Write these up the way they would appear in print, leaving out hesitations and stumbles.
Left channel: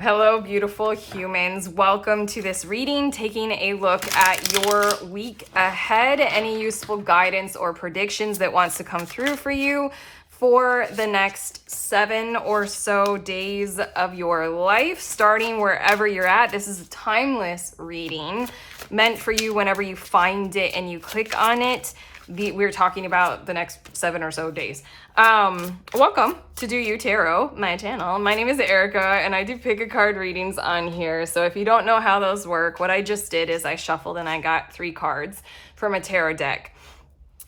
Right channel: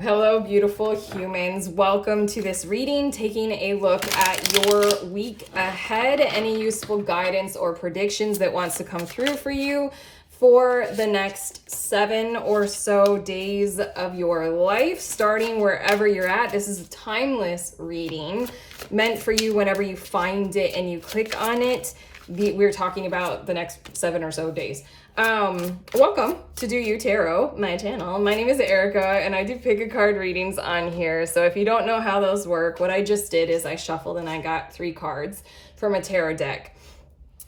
Hello, beautiful humans. Welcome to this reading, taking a look at your week ahead, any useful guidance or predictions that wants to come through for you for the next 7 or so days of your life, starting wherever you're at. This is a timeless reading meant for you whenever you find it and you click on it. We're talking about the next 7 or so days. Welcome to Do You Tarot, my channel. My name is Erica and I do pick a card readings on here. So if you don't know how those work, what I just did is I shuffled and I got 3 cards from a tarot deck.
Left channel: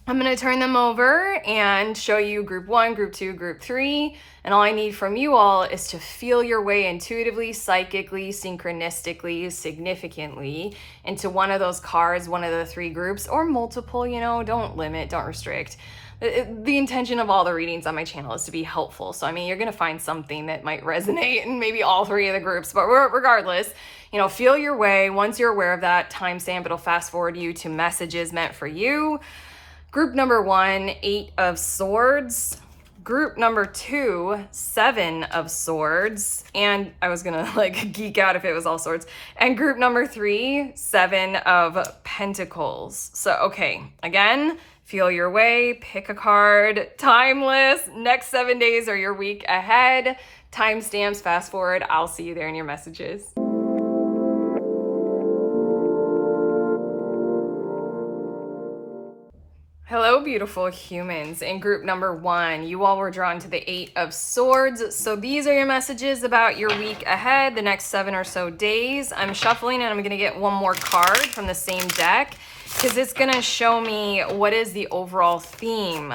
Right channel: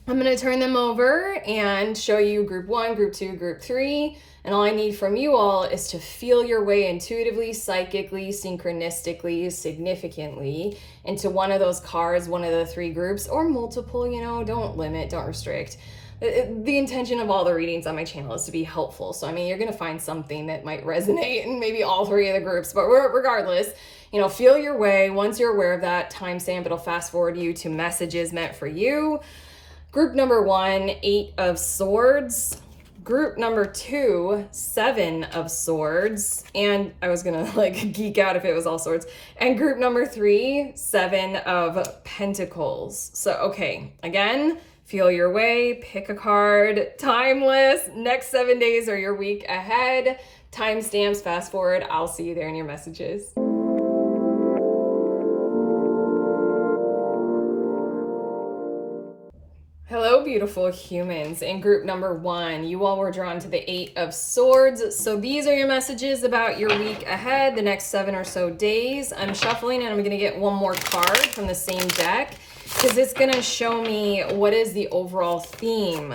I'm going to turn them over and show you group 1, group 2, group 3. And all I need from you all is to feel your way intuitively, psychically, synchronistically, significantly into one of those cards, one of the 3 groups, or multiple, don't limit, don't restrict. The intention of all the readings on my channel is to be helpful. So, you're going to find something that might resonate in maybe all 3 of the groups. But regardless, feel your way. Once you're aware of that timestamp, it'll fast forward you to messages meant for you. Group number 1, 8 of Swords. Group number 2, 7 of Swords. And I was going to geek out if it was all swords. And group number 3, 7 of Pentacles. So, okay, again, feel your way, pick a card, timeless. Next 7 days are your week ahead. Timestamps, fast forward. I'll see you there in your messages. Hello, beautiful humans. In group number 1, you all were drawn to the 8 of Swords. So these are your messages about your week ahead, the next 7 or so days. I'm shuffling and I'm going to get one more card from the same deck because it's going to show me what is the overall theme.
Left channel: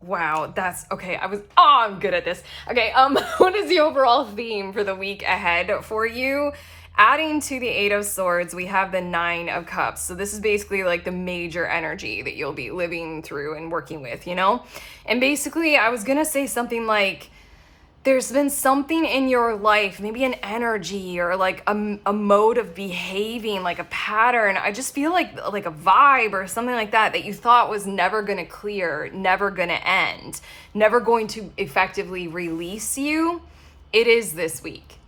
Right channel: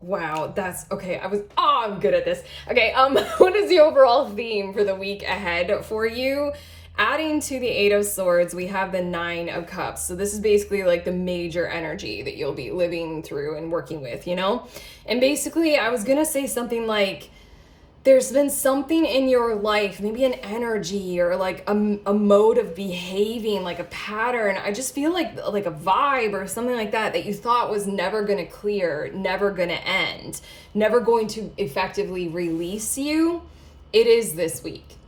Wow, that's okay. I'm good at this. Okay, what is the overall theme for the week ahead for you? Adding to the 8 of Swords, we have the 9 of Cups. So this is basically the major energy that you'll be living through and working with, And basically, I was going to say something like, there's been something in your life, maybe an energy or a mode of behaving, like a pattern. I just feel like a vibe or something like that you thought was never going to clear, never going to end, never going to effectively release you. It is this week.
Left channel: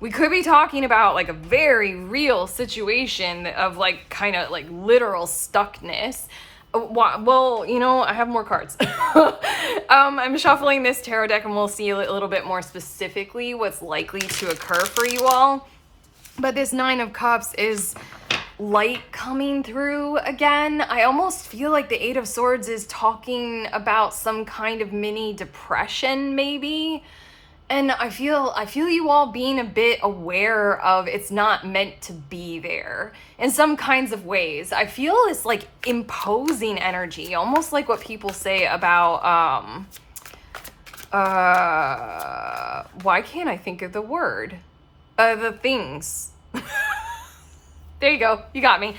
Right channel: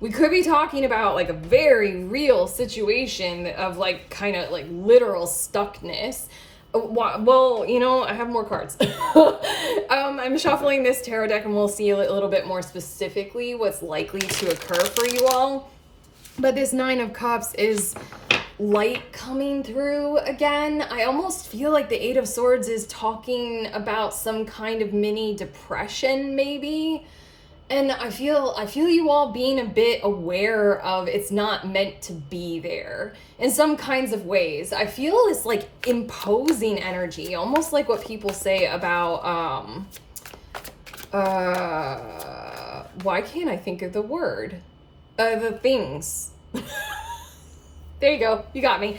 We could be talking about a very real situation of literal stuckness. Well, I have more cards. I'm shuffling this tarot deck and we'll see a little bit more specifically what's likely to occur for you all. But this 9 of Cups is light coming through again. I almost feel like the 8 of Swords is talking about some kind of mini depression maybe. And I feel you all being a bit aware of it's not meant to be there in some kinds of ways. I feel it's imposing energy, almost like what people say about, why can't I think of the word? The things. There you go. You got me.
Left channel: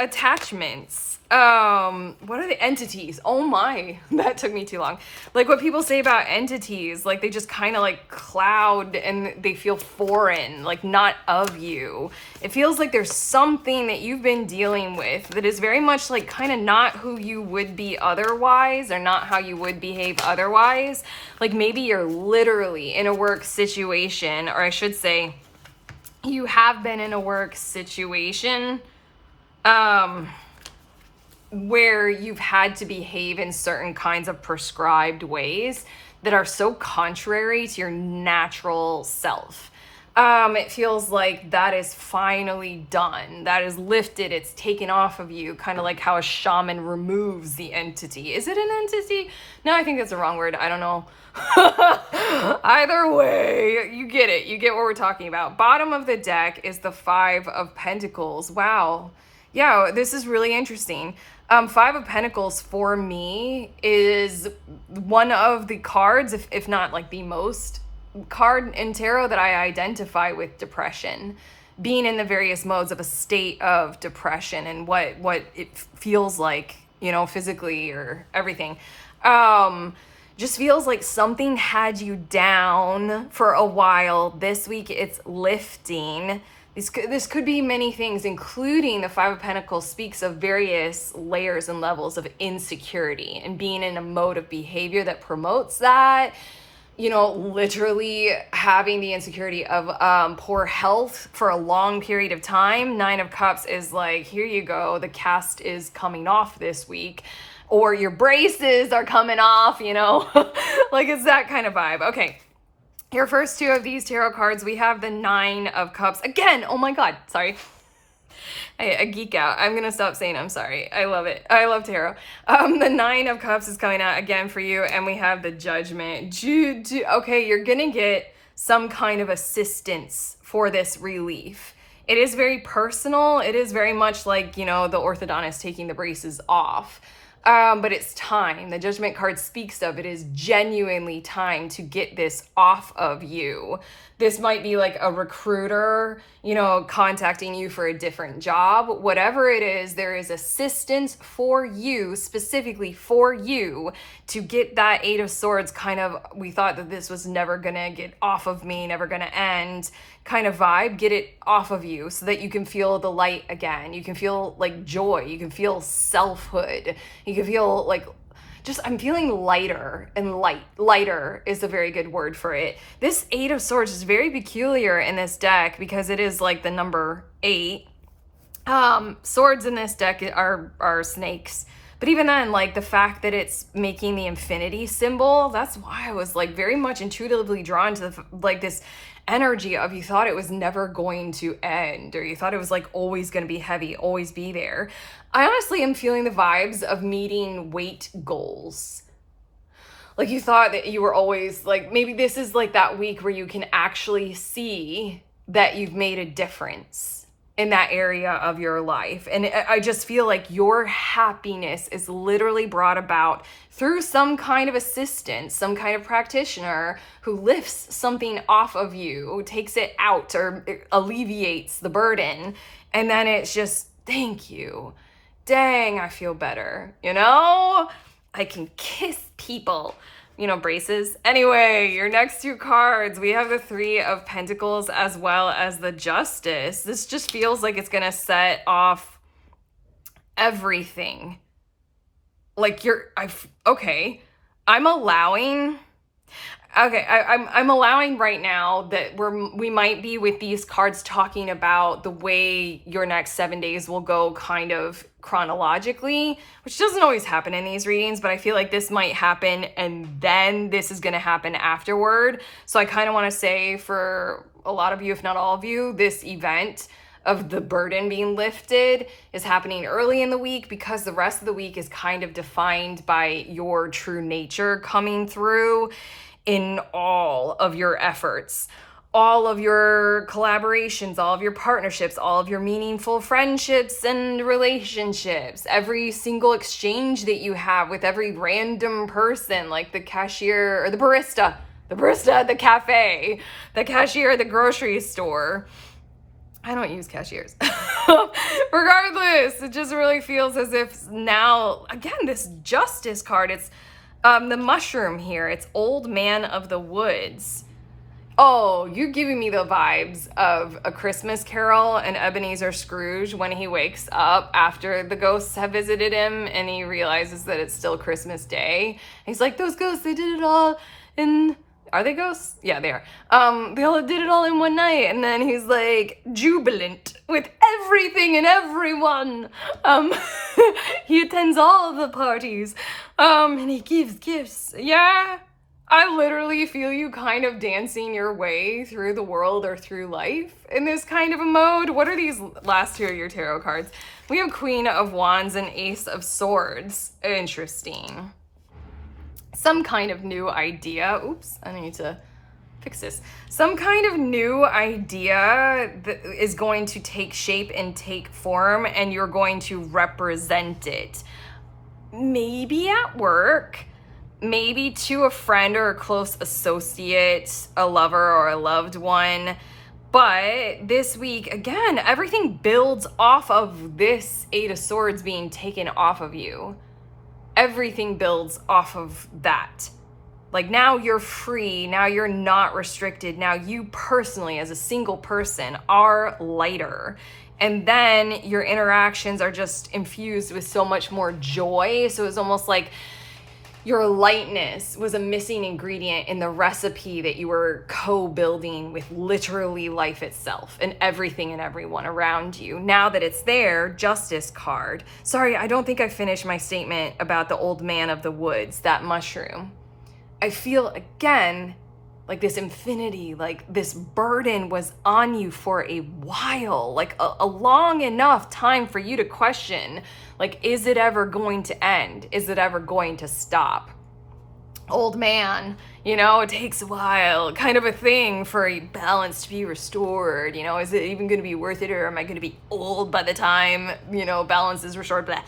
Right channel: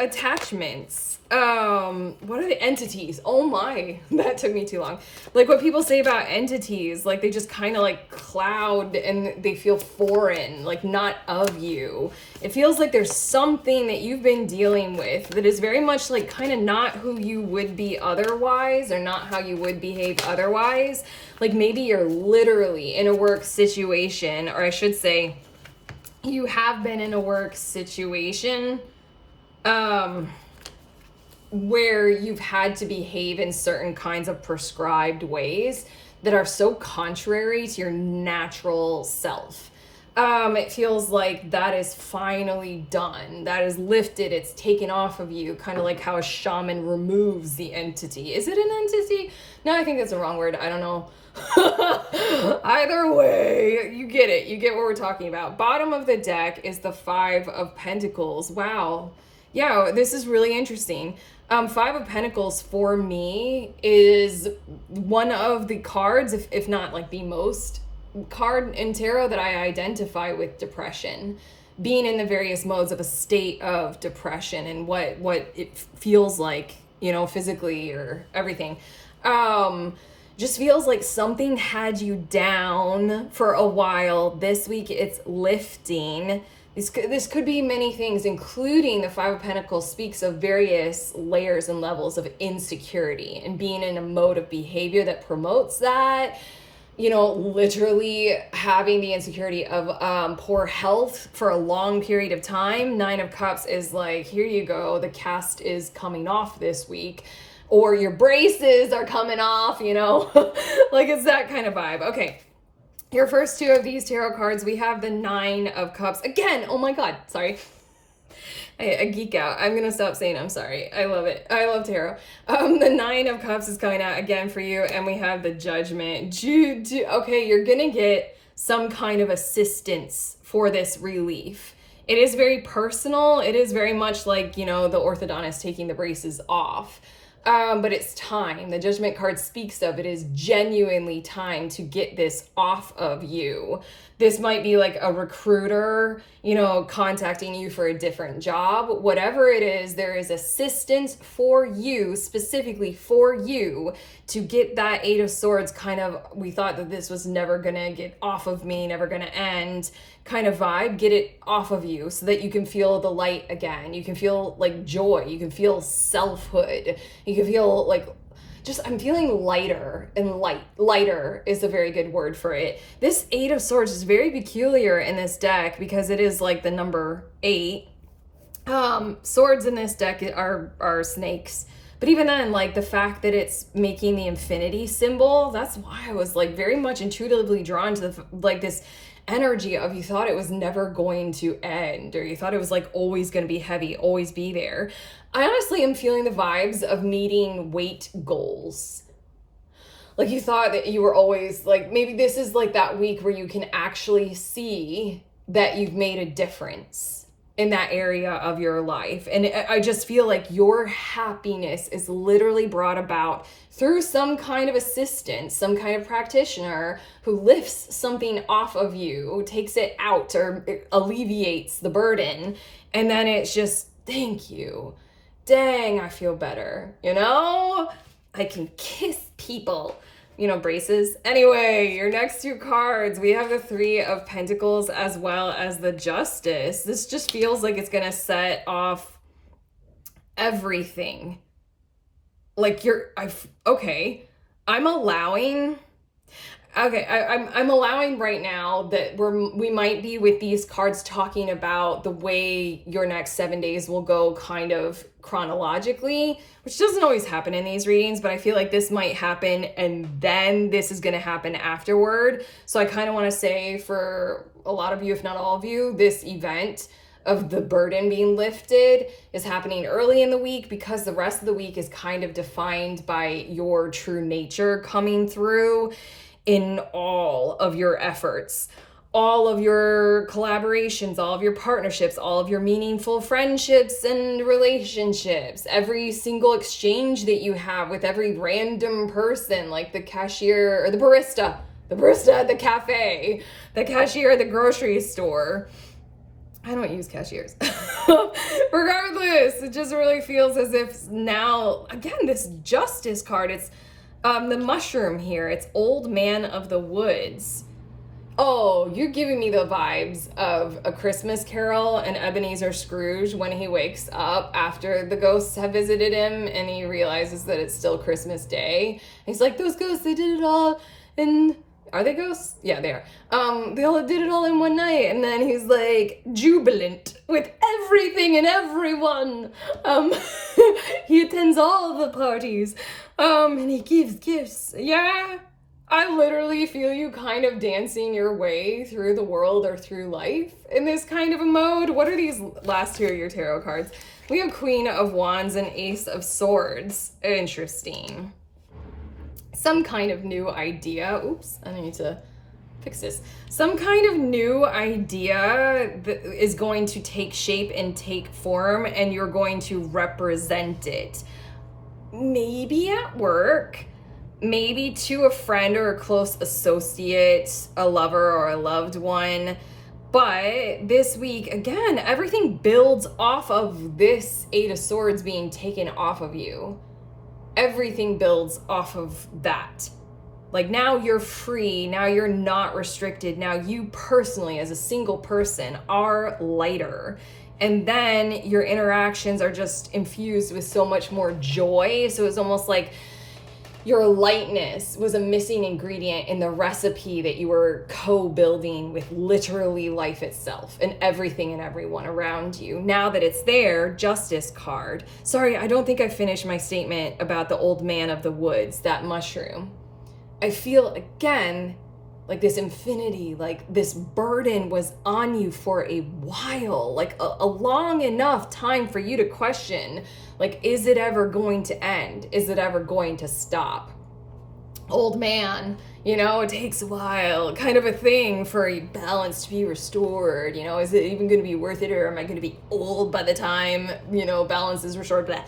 Attachments. What are the entities? Oh my, that took me too long. What people say about entities, they just kind of cloud and they feel foreign, not of you. It feels like there's something that you've been dealing with that is very much kind of not who you would be otherwise or not how you would behave otherwise. Maybe you're literally in a work situation, or I should say you have been in a work situation, where you've had to behave in certain kinds of prescribed ways that are so contrary to your natural self. It feels like that is finally done. That is lifted. It's taken off of you, kind of like how a shaman removes the entity. Is it an entity? No, I think that's the wrong word. I don't know. Either way, you get it. You get what we're talking about. Bottom of the deck is the 5 of Pentacles. Wow. Yeah, this is really interesting. 5 of Pentacles for me is one of the cards, if not the most card in tarot that I identify with depression, being in the various modes of a state of depression and what it feels like, physically or everything. Just feels like something had you down for a while. This week it's lifting. This could be many things, including the 5 of Pentacles speaks of various layers and levels of insecurity and being in a mode of behavior that promotes that. you know, literally having the insecurity of poor health for a long period of time. Nine of Cups is like, here you go, the cast is coming off this week, or your braces are coming off, you know, like it's that kind of vibe. Okay, your first two of these tarot cards, we have the Nine of Cups. Again, oh my God, sorry. I geek out. I'm gonna stop saying I'm sorry. I love it. I love tarot. The Nine of Cups is coming out again for you, and we have the Judgment. Okay, you're gonna get some kind of assistance for this relief. It is very personal. It is very much like, you know, the orthodontist taking the braces off. But it's time. The Judgment card speaks of it is genuinely time to get this off of you. This might be like a recruiter, you know, contacting you for a different job. Whatever it is, there is assistance for you, specifically for you, to get that Eight of Swords kind of, we thought that this was never gonna get off of me, never gonna end kind of vibe. Get it off of you so that you can feel the light again. You can feel like joy. You can feel selfhood. You can feel like, just, I'm feeling lighter, and lighter is a very good word for it. This Eight of Swords is very peculiar in this deck because it is like the number 8. Swords in this deck are snakes. But even then, like the fact that it's making the infinity symbol, that's why I was like very much intuitively drawn to like this energy of, you thought it was never going to end, or you thought it was like always going to be heavy, always be there. I honestly am feeling the vibes of meeting weight goals. Like you thought that you were always like, maybe this is like that week where you can actually see that you've made a difference in that area of your life. And I just feel like your happiness is literally brought about through some kind of assistance, some kind of practitioner who lifts something off of you, takes it out, or alleviates the burden. And then it's just, thank you. Dang, I feel better. You know, I can kiss people. You know, braces. Anyway, your next two cards, we have the Three of Pentacles as well as the Justice. This just feels like it's gonna set off everything. Like I'm allowing right now that we might be with these cards talking about the way your next 7 days will go kind of chronologically, which doesn't always happen in these readings, but I feel like this might happen and then this is going to happen afterward. So I kind of want to say, for a lot of you, if not all of you, this event of the burden being lifted is happening early in the week, because the rest of the week is kind of defined by your true nature coming through in all of your efforts, all of your collaborations, all of your partnerships, all of your meaningful friendships and relationships, every single exchange that you have with every random person, like the cashier or the barista at the cafe, the cashier at the grocery store. I don't use cashiers. Regardless, it just really feels as if now, again, this Justice card, it's the mushroom here. It's Old Man of the Woods. Oh, you're giving me the vibes of A Christmas Carol and Ebenezer Scrooge when he wakes up after the ghosts have visited him and he realizes that it's still Christmas Day. He's like, those ghosts, they did it all in... Are they ghosts? Yeah, they are. They all did it all in one night. And then he's like jubilant with everything and everyone. He attends all the parties. And he gives gifts. Yeah. I literally feel you kind of dancing your way through the world or through life in this kind of a mode. What are these last two of your tarot cards? We have Queen of Wands and Ace of Swords. Interesting. Some kind of new idea. Oops, I need to fix this. Some kind of new idea that is going to take shape and take form, and you're going to represent it. Maybe at work, maybe to a friend or a close associate, a lover or a loved one. But this week, again, everything builds off of this Eight of Swords being taken off of you. Everything builds off of that. Like, now you're free, now you're not restricted, now you personally as a single person are lighter. And then your interactions are just infused with so much more joy. So it's almost like your lightness was a missing ingredient in the recipe that you were co-building with literally life itself and everything and everyone around you. Now that it's there, Justice card. Sorry, I don't think I finished my statement about the old man of the woods, that mushroom. I feel again like this infinity, like this burden was on you for a while, like a long enough time for you to question, like, is it ever going to end? Is it ever going to stop? Old man, you know, it takes a while, kind of a thing for a balance to be restored. You know, is it even going to be worth it, or am I going to be old by the time, you know, balance is restored? Blah.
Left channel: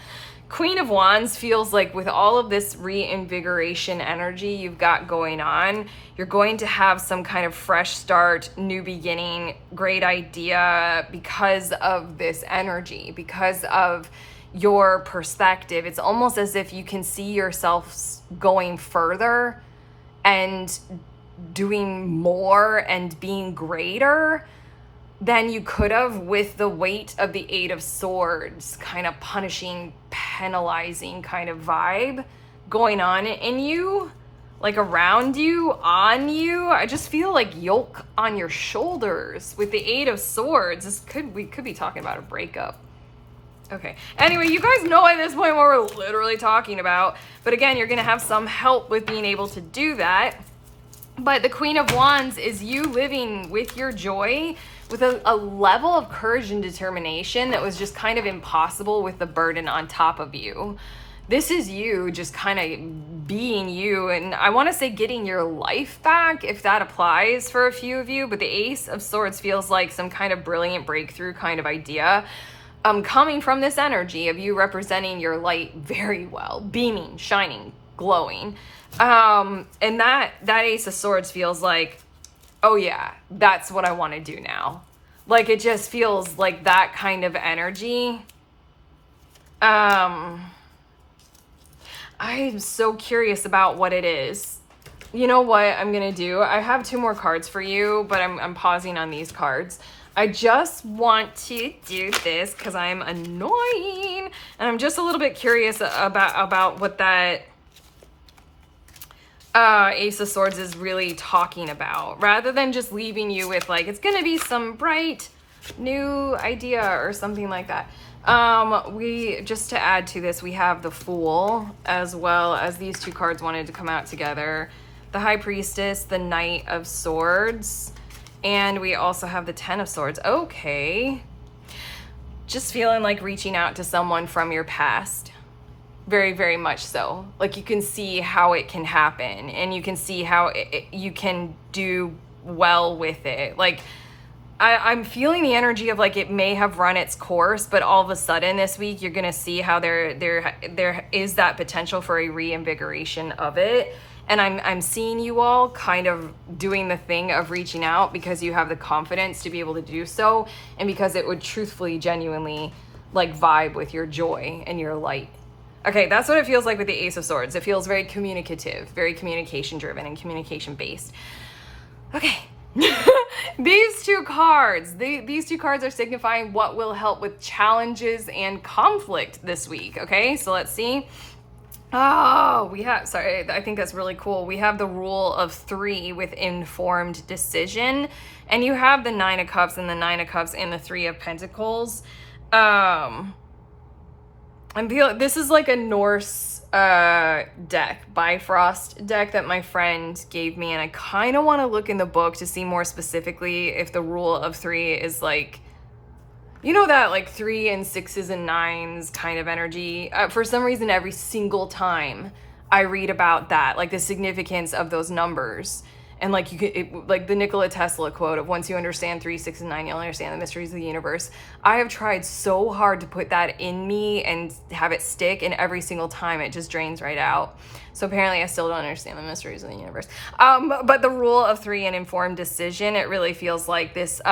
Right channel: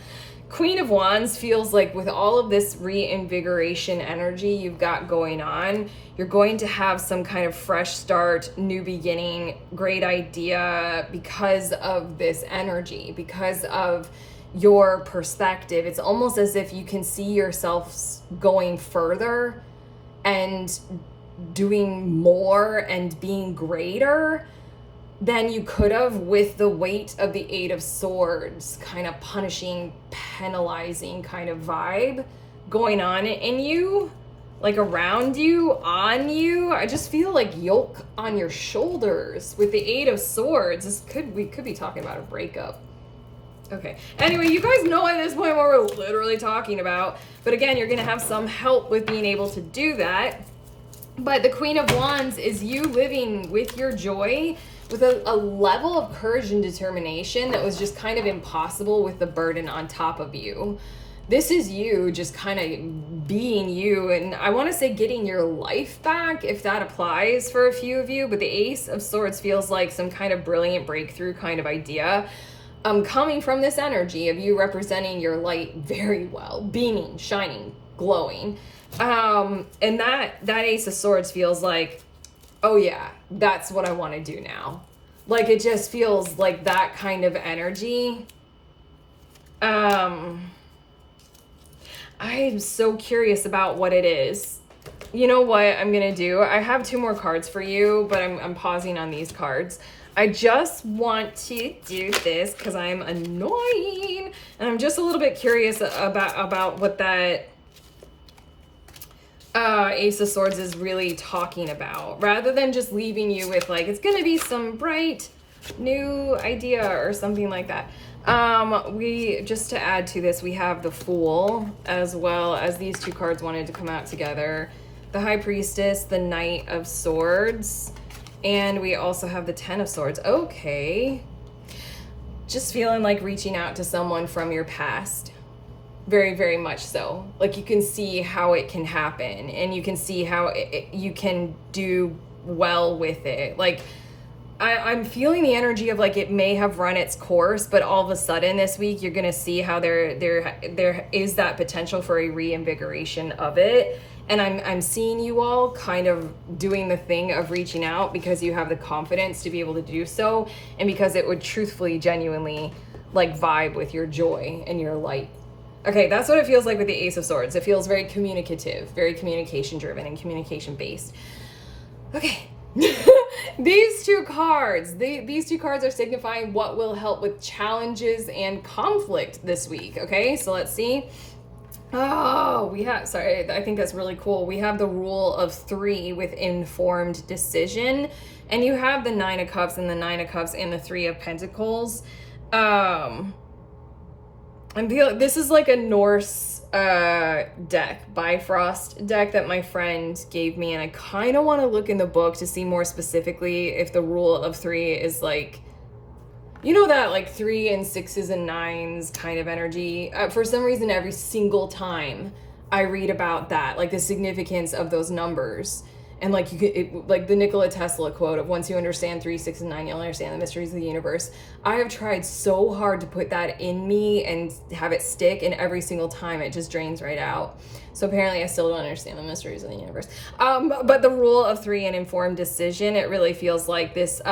Queen of Wands feels like with all of this reinvigoration energy you've got going on, you're going to have some kind of fresh start, new beginning, great idea because of this energy, because of your perspective. It's almost as if you can see yourself going further and doing more and being greater than you could have with the weight of the Eight of Swords, kind of punishing, penalizing kind of vibe going on in you, like around you, on you. I just feel like yoke on your shoulders with the Eight of Swords. We could be talking about a breakup. Okay, anyway, you guys know at this point what we're literally talking about, but again, you're gonna have some help with being able to do that. But the Queen of Wands is you living with your joy with a level of courage and determination that was just kind of impossible with the burden on top of you. This is you just kind of being you, and I want to say getting your life back, if that applies for a few of you. But the Ace of Swords feels like some kind of brilliant breakthrough kind of idea coming from this energy of you representing your light very well, beaming, shining, glowing. And that Ace of Swords feels like, oh yeah, that's what I want to do now. Like, it just feels like that kind of energy. I am so curious about what it is. You know what I'm gonna do? I have 2 more cards for you, but I'm pausing on these cards. I just want to do this because I'm annoying, and I'm just a little bit curious about what that Ace of Swords is really talking about, rather than just leaving you with like, it's gonna be some bright new idea or something like that. We, just to add to this, we have the Fool, as well as these 2 cards wanted to come out together. The High Priestess, the Knight of Swords, and we also have the Ten of Swords. Okay. Just feeling like reaching out to someone from your past. Very, very much so. Like, you can see how it can happen, and you can see how you can do well with it. Like, I'm feeling the energy of like it may have run its course, but all of a sudden this week you're gonna see how there is that potential for a reinvigoration of it. And I'm seeing you all kind of doing the thing of reaching out because you have the confidence to be able to do so, and because it would truthfully, genuinely like vibe with your joy and your light. Okay, that's what it feels like with the Ace of Swords. It feels very communicative, very communication driven and communication based. Okay. These 2 cards, these 2 cards are signifying what will help with challenges and conflict this week. Okay, so let's see. Oh, we have, sorry, I think that's really cool. We have the Rule of 3 with informed decision, and you have the 9 of Cups and the 9 of Cups and the 3 of Pentacles. I'm feeling this is like a Norse deck, Bifrost deck that my friend gave me, and I kind of want to look in the book to see more specifically if the Rule of 3 is like, you know, that like 3 and 6s and 9s kind of energy. For some reason, every single time I read about that, like the significance of those numbers, and like you could, like the Nikola Tesla quote of once you understand 3, 6, and 9, you'll understand the mysteries of the universe. I have tried so hard to put that in me and have it stick, and every single time it just drains right out. So apparently I still don't understand the mysteries of the universe. But the Rule of 3 and informed decision, it really feels like this,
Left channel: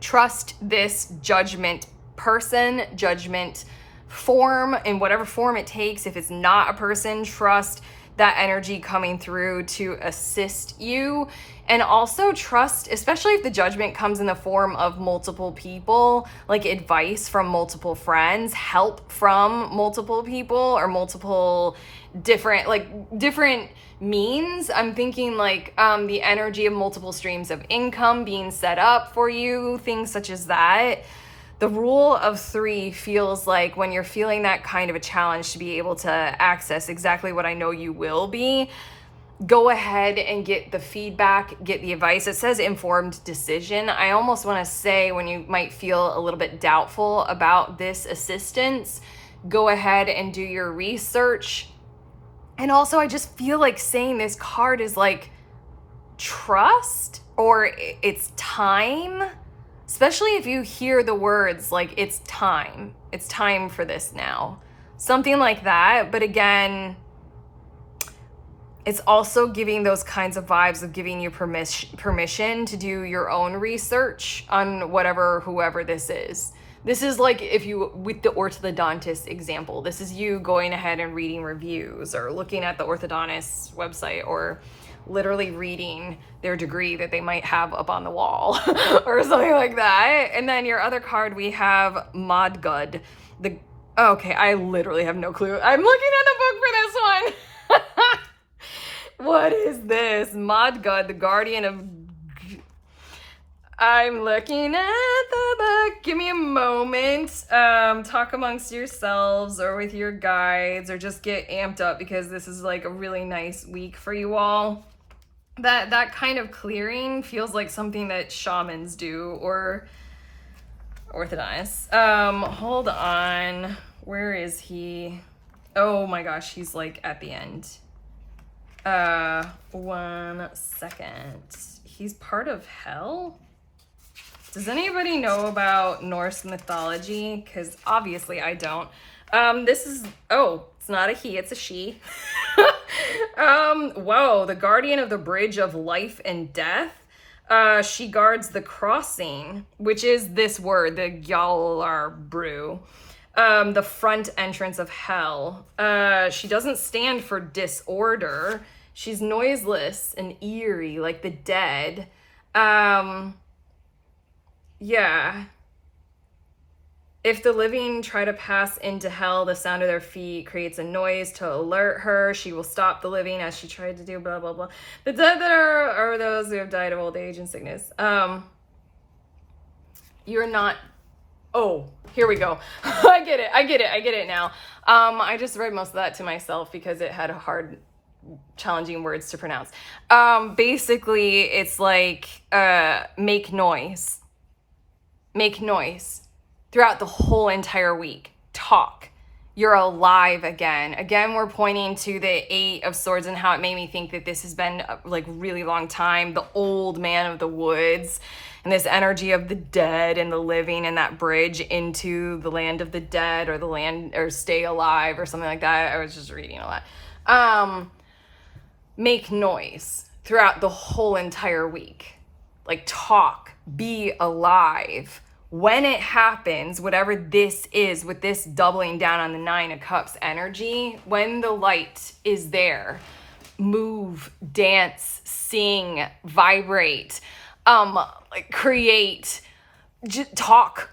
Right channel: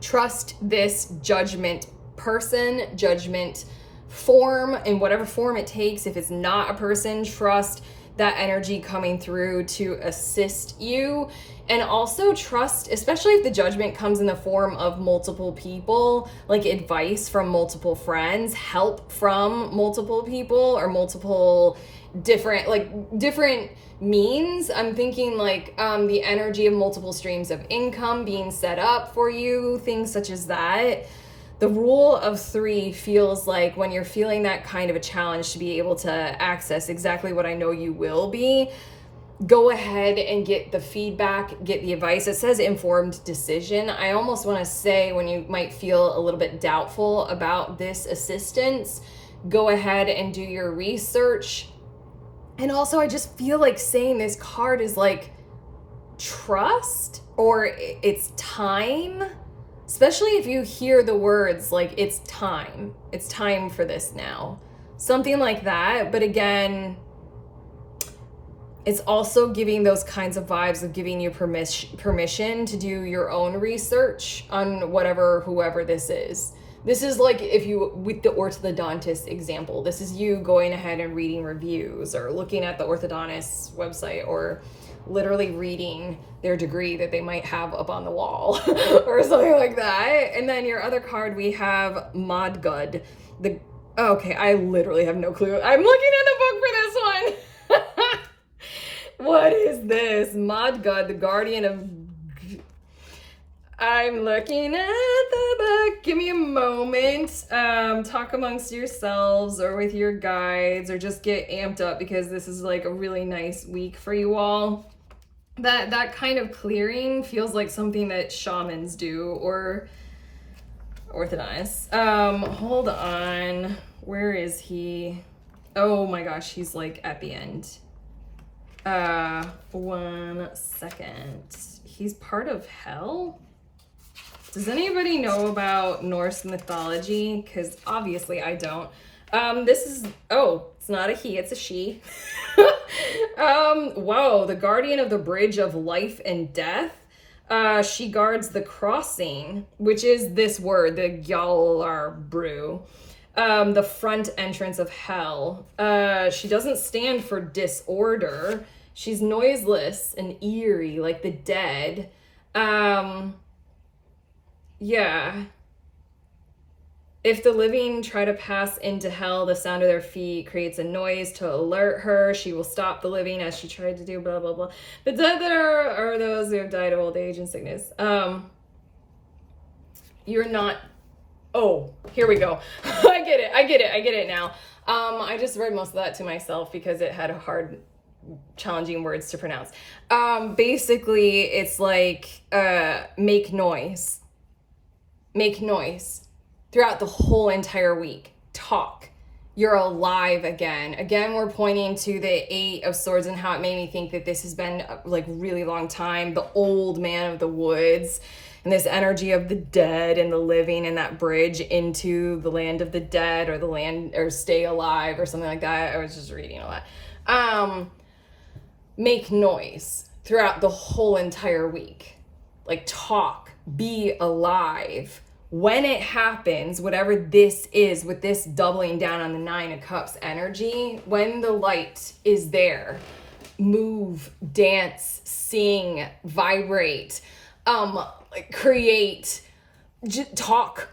trust this judgment person, judgment form, in whatever form it takes. If it's not a person, trust that energy coming through to assist you. And also trust, especially if the judgment comes in the form of multiple people, like advice from multiple friends, help from multiple people, or multiple different means. I'm thinking like the energy of multiple streams of income being set up for you, things such as that. The rule of 3 feels like when you're feeling that kind of a challenge to be able to access exactly what I know you will be, go ahead and get the feedback, get the advice. It says informed decision. I almost want to say when you might feel a little bit doubtful about this assistance, go ahead and do your research. And also I just feel like saying this card is like trust, or it's time. Especially if you hear the words like it's time for this now, something like that. But again, it's also giving those kinds of vibes of giving you permission to do your own research on whoever this is. This is like if you, with the orthodontist example, this is you going ahead and reading reviews or looking at the orthodontist's website, or literally reading their degree that they might have up on the wall or something like that. And then your other card, we have Modgud. Okay, I literally have no clue. I'm looking at the book for this one. What is this? Modgud, the guardian of... I'm looking at the book. Give me a moment. Talk amongst yourselves or with your guides, or just get amped up because this is like a really nice week for you all. That kind of clearing feels like something that shamans do, or orthodontists. Hold on. Where is he? Oh my gosh, he's like at the end. 1 second. He's part of hell? Does anybody know about Norse mythology? Because obviously I don't. This is, it's not a he, it's a she. Whoa, the guardian of the bridge of life and death. She guards the crossing, which is this word, the Gjallarbru, the front entrance of hell. She doesn't stand for disorder. She's noiseless and eerie, like the dead. Yeah. If the living try to pass into hell, the sound of their feet creates a noise to alert her. She will stop the living as she tried to do, blah, blah, blah. The dead that are those who have died of old age and sickness. You're not... Oh, here we go. I get it now. I just read most of that to myself because it had hard, challenging words to pronounce. Basically, it's like, make noise. Make noise throughout the whole entire week. Talk. You're alive again. Again, we're pointing to the 8 of Swords and how it made me think that this has been like really long time. The old man of the woods and this energy of the dead and the living, and that bridge into the land of the dead, or the land, or stay alive, or something like that. I was just reading a lot. Make noise throughout the whole entire week. Like talk. Be alive. When it happens, whatever this is, with this doubling down on the 9 of Cups energy, when the light is there, move, dance, sing, vibrate, create, talk,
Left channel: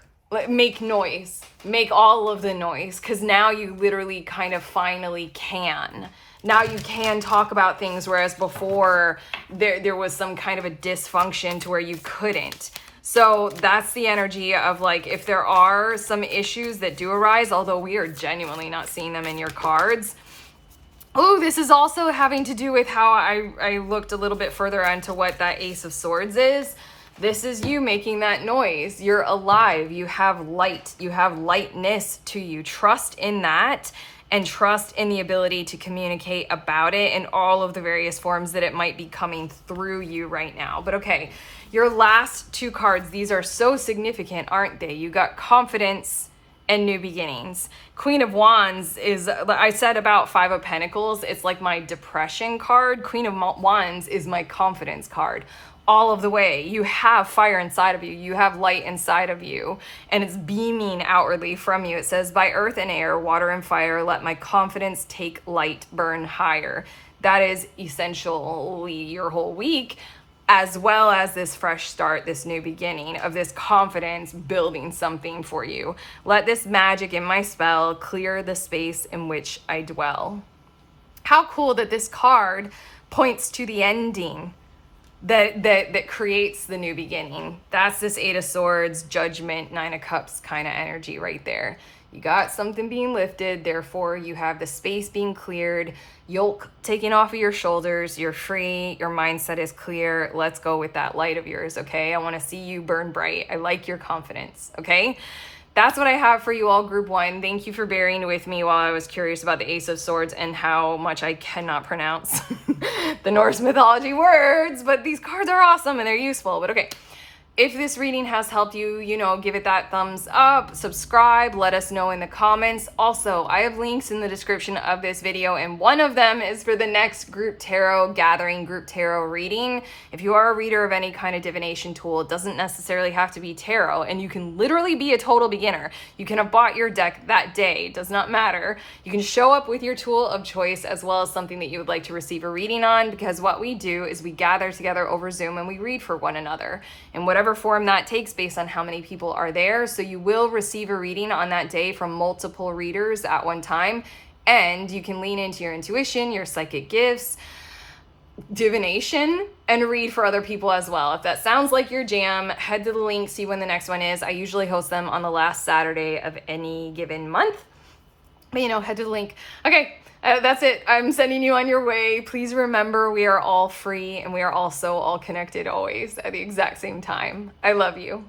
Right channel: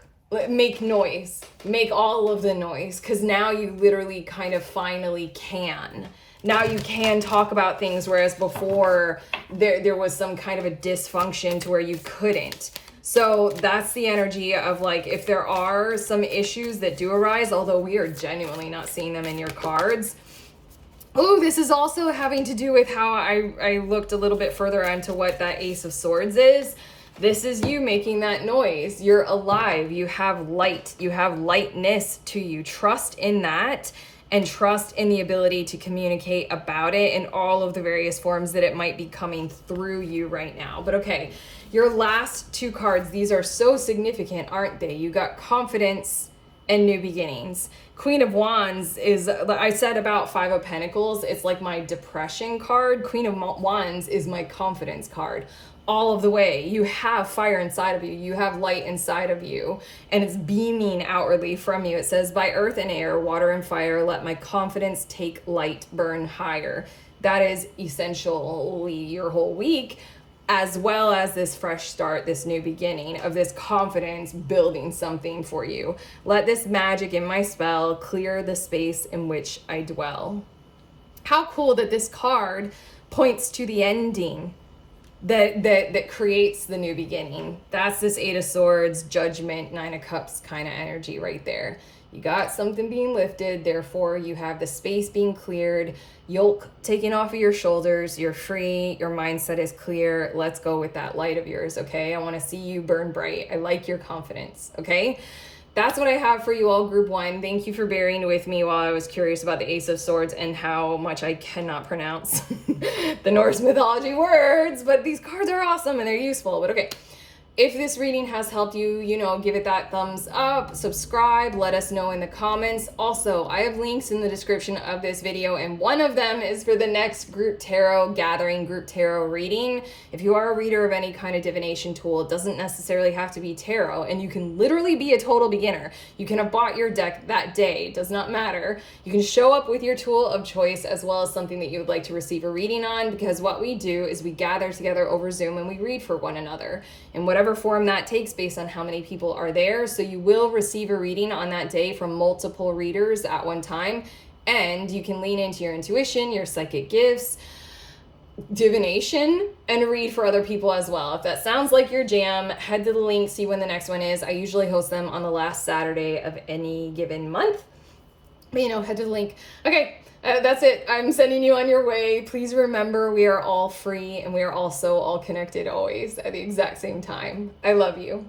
make noise, make all of the noise, because now you literally kind of finally can. Now you can talk about things, whereas before there was some kind of a dysfunction to where you couldn't. So that's the energy of like, if there are some issues that do arise, although we are genuinely not seeing them in your cards. Oh, this is also having to do with how I looked a little bit further into what that Ace of Swords is. This is you making that noise. You're alive. You have light. You have lightness to you. Trust in that. And trust in the ability to communicate about it in all of the various forms that it might be coming through you right now. But okay, your last 2 cards, these are so significant, aren't they? You got confidence and new beginnings. Queen of Wands is, I said about 5 of Pentacles, it's like my depression card. Queen of Wands is my confidence card. All of the way. You have fire inside of you. You have light inside of you, and it's beaming outwardly from you. It says, by earth and air, water and fire, let my confidence take light, burn higher. That is essentially your whole week, as well as this fresh start, this new beginning of this confidence building something for you. Let this magic in my spell clear the space in which I dwell. How cool that this card points to the ending that creates the new beginning. That's this Eight of Swords, Judgment, Nine of Cups kind of energy right there. You got something being lifted, therefore you have the space being cleared, yoke taken off of your shoulders, you're free, your mindset is clear. Let's go with that light of yours, okay? I want to see you burn bright. I like your confidence, okay? That's what I have for you all, group one. Thank you for bearing with me while I was curious about the Ace of Swords and how much I cannot pronounce the Norse mythology words, but these cards are awesome and they're useful. But okay, if this reading has helped you, give it that thumbs up, subscribe, let us know in the comments. Also, I have links in the description of this video, and one of them is for the next group tarot gathering, group tarot reading. If you are a reader of any kind of divination tool, it doesn't necessarily have to be tarot, and you can literally be a total beginner. You can have bought your deck that day, it does not matter. You can show up with your tool of choice as well as something that you would like to receive a reading on, because what we do is we gather together over Zoom and we read for one another. And whatever form that takes based on how many people are there. So you will receive a reading on that day from multiple readers at one time, and you can lean into your intuition, your psychic gifts, divination, and read for other people as well. If that sounds like your jam, head to the link, see when the next one is. I usually host them on the last Saturday of any given month, but head to the link. Okay. That's it. I'm sending you on your way. Please remember, we are all free and we are also all connected always at the exact same time. I love you.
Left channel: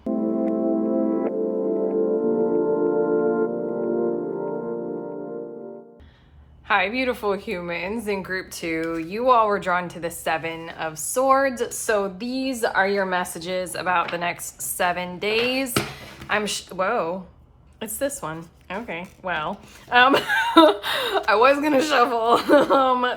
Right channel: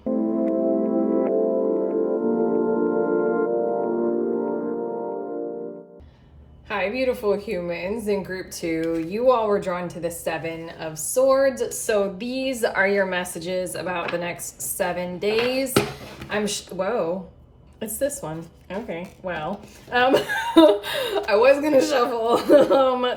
Hi, beautiful humans. In group two, you all were drawn to the Seven of Swords. So these are your messages about the next 7 days. Whoa. It's this one. Okay, well, I was gonna shuffle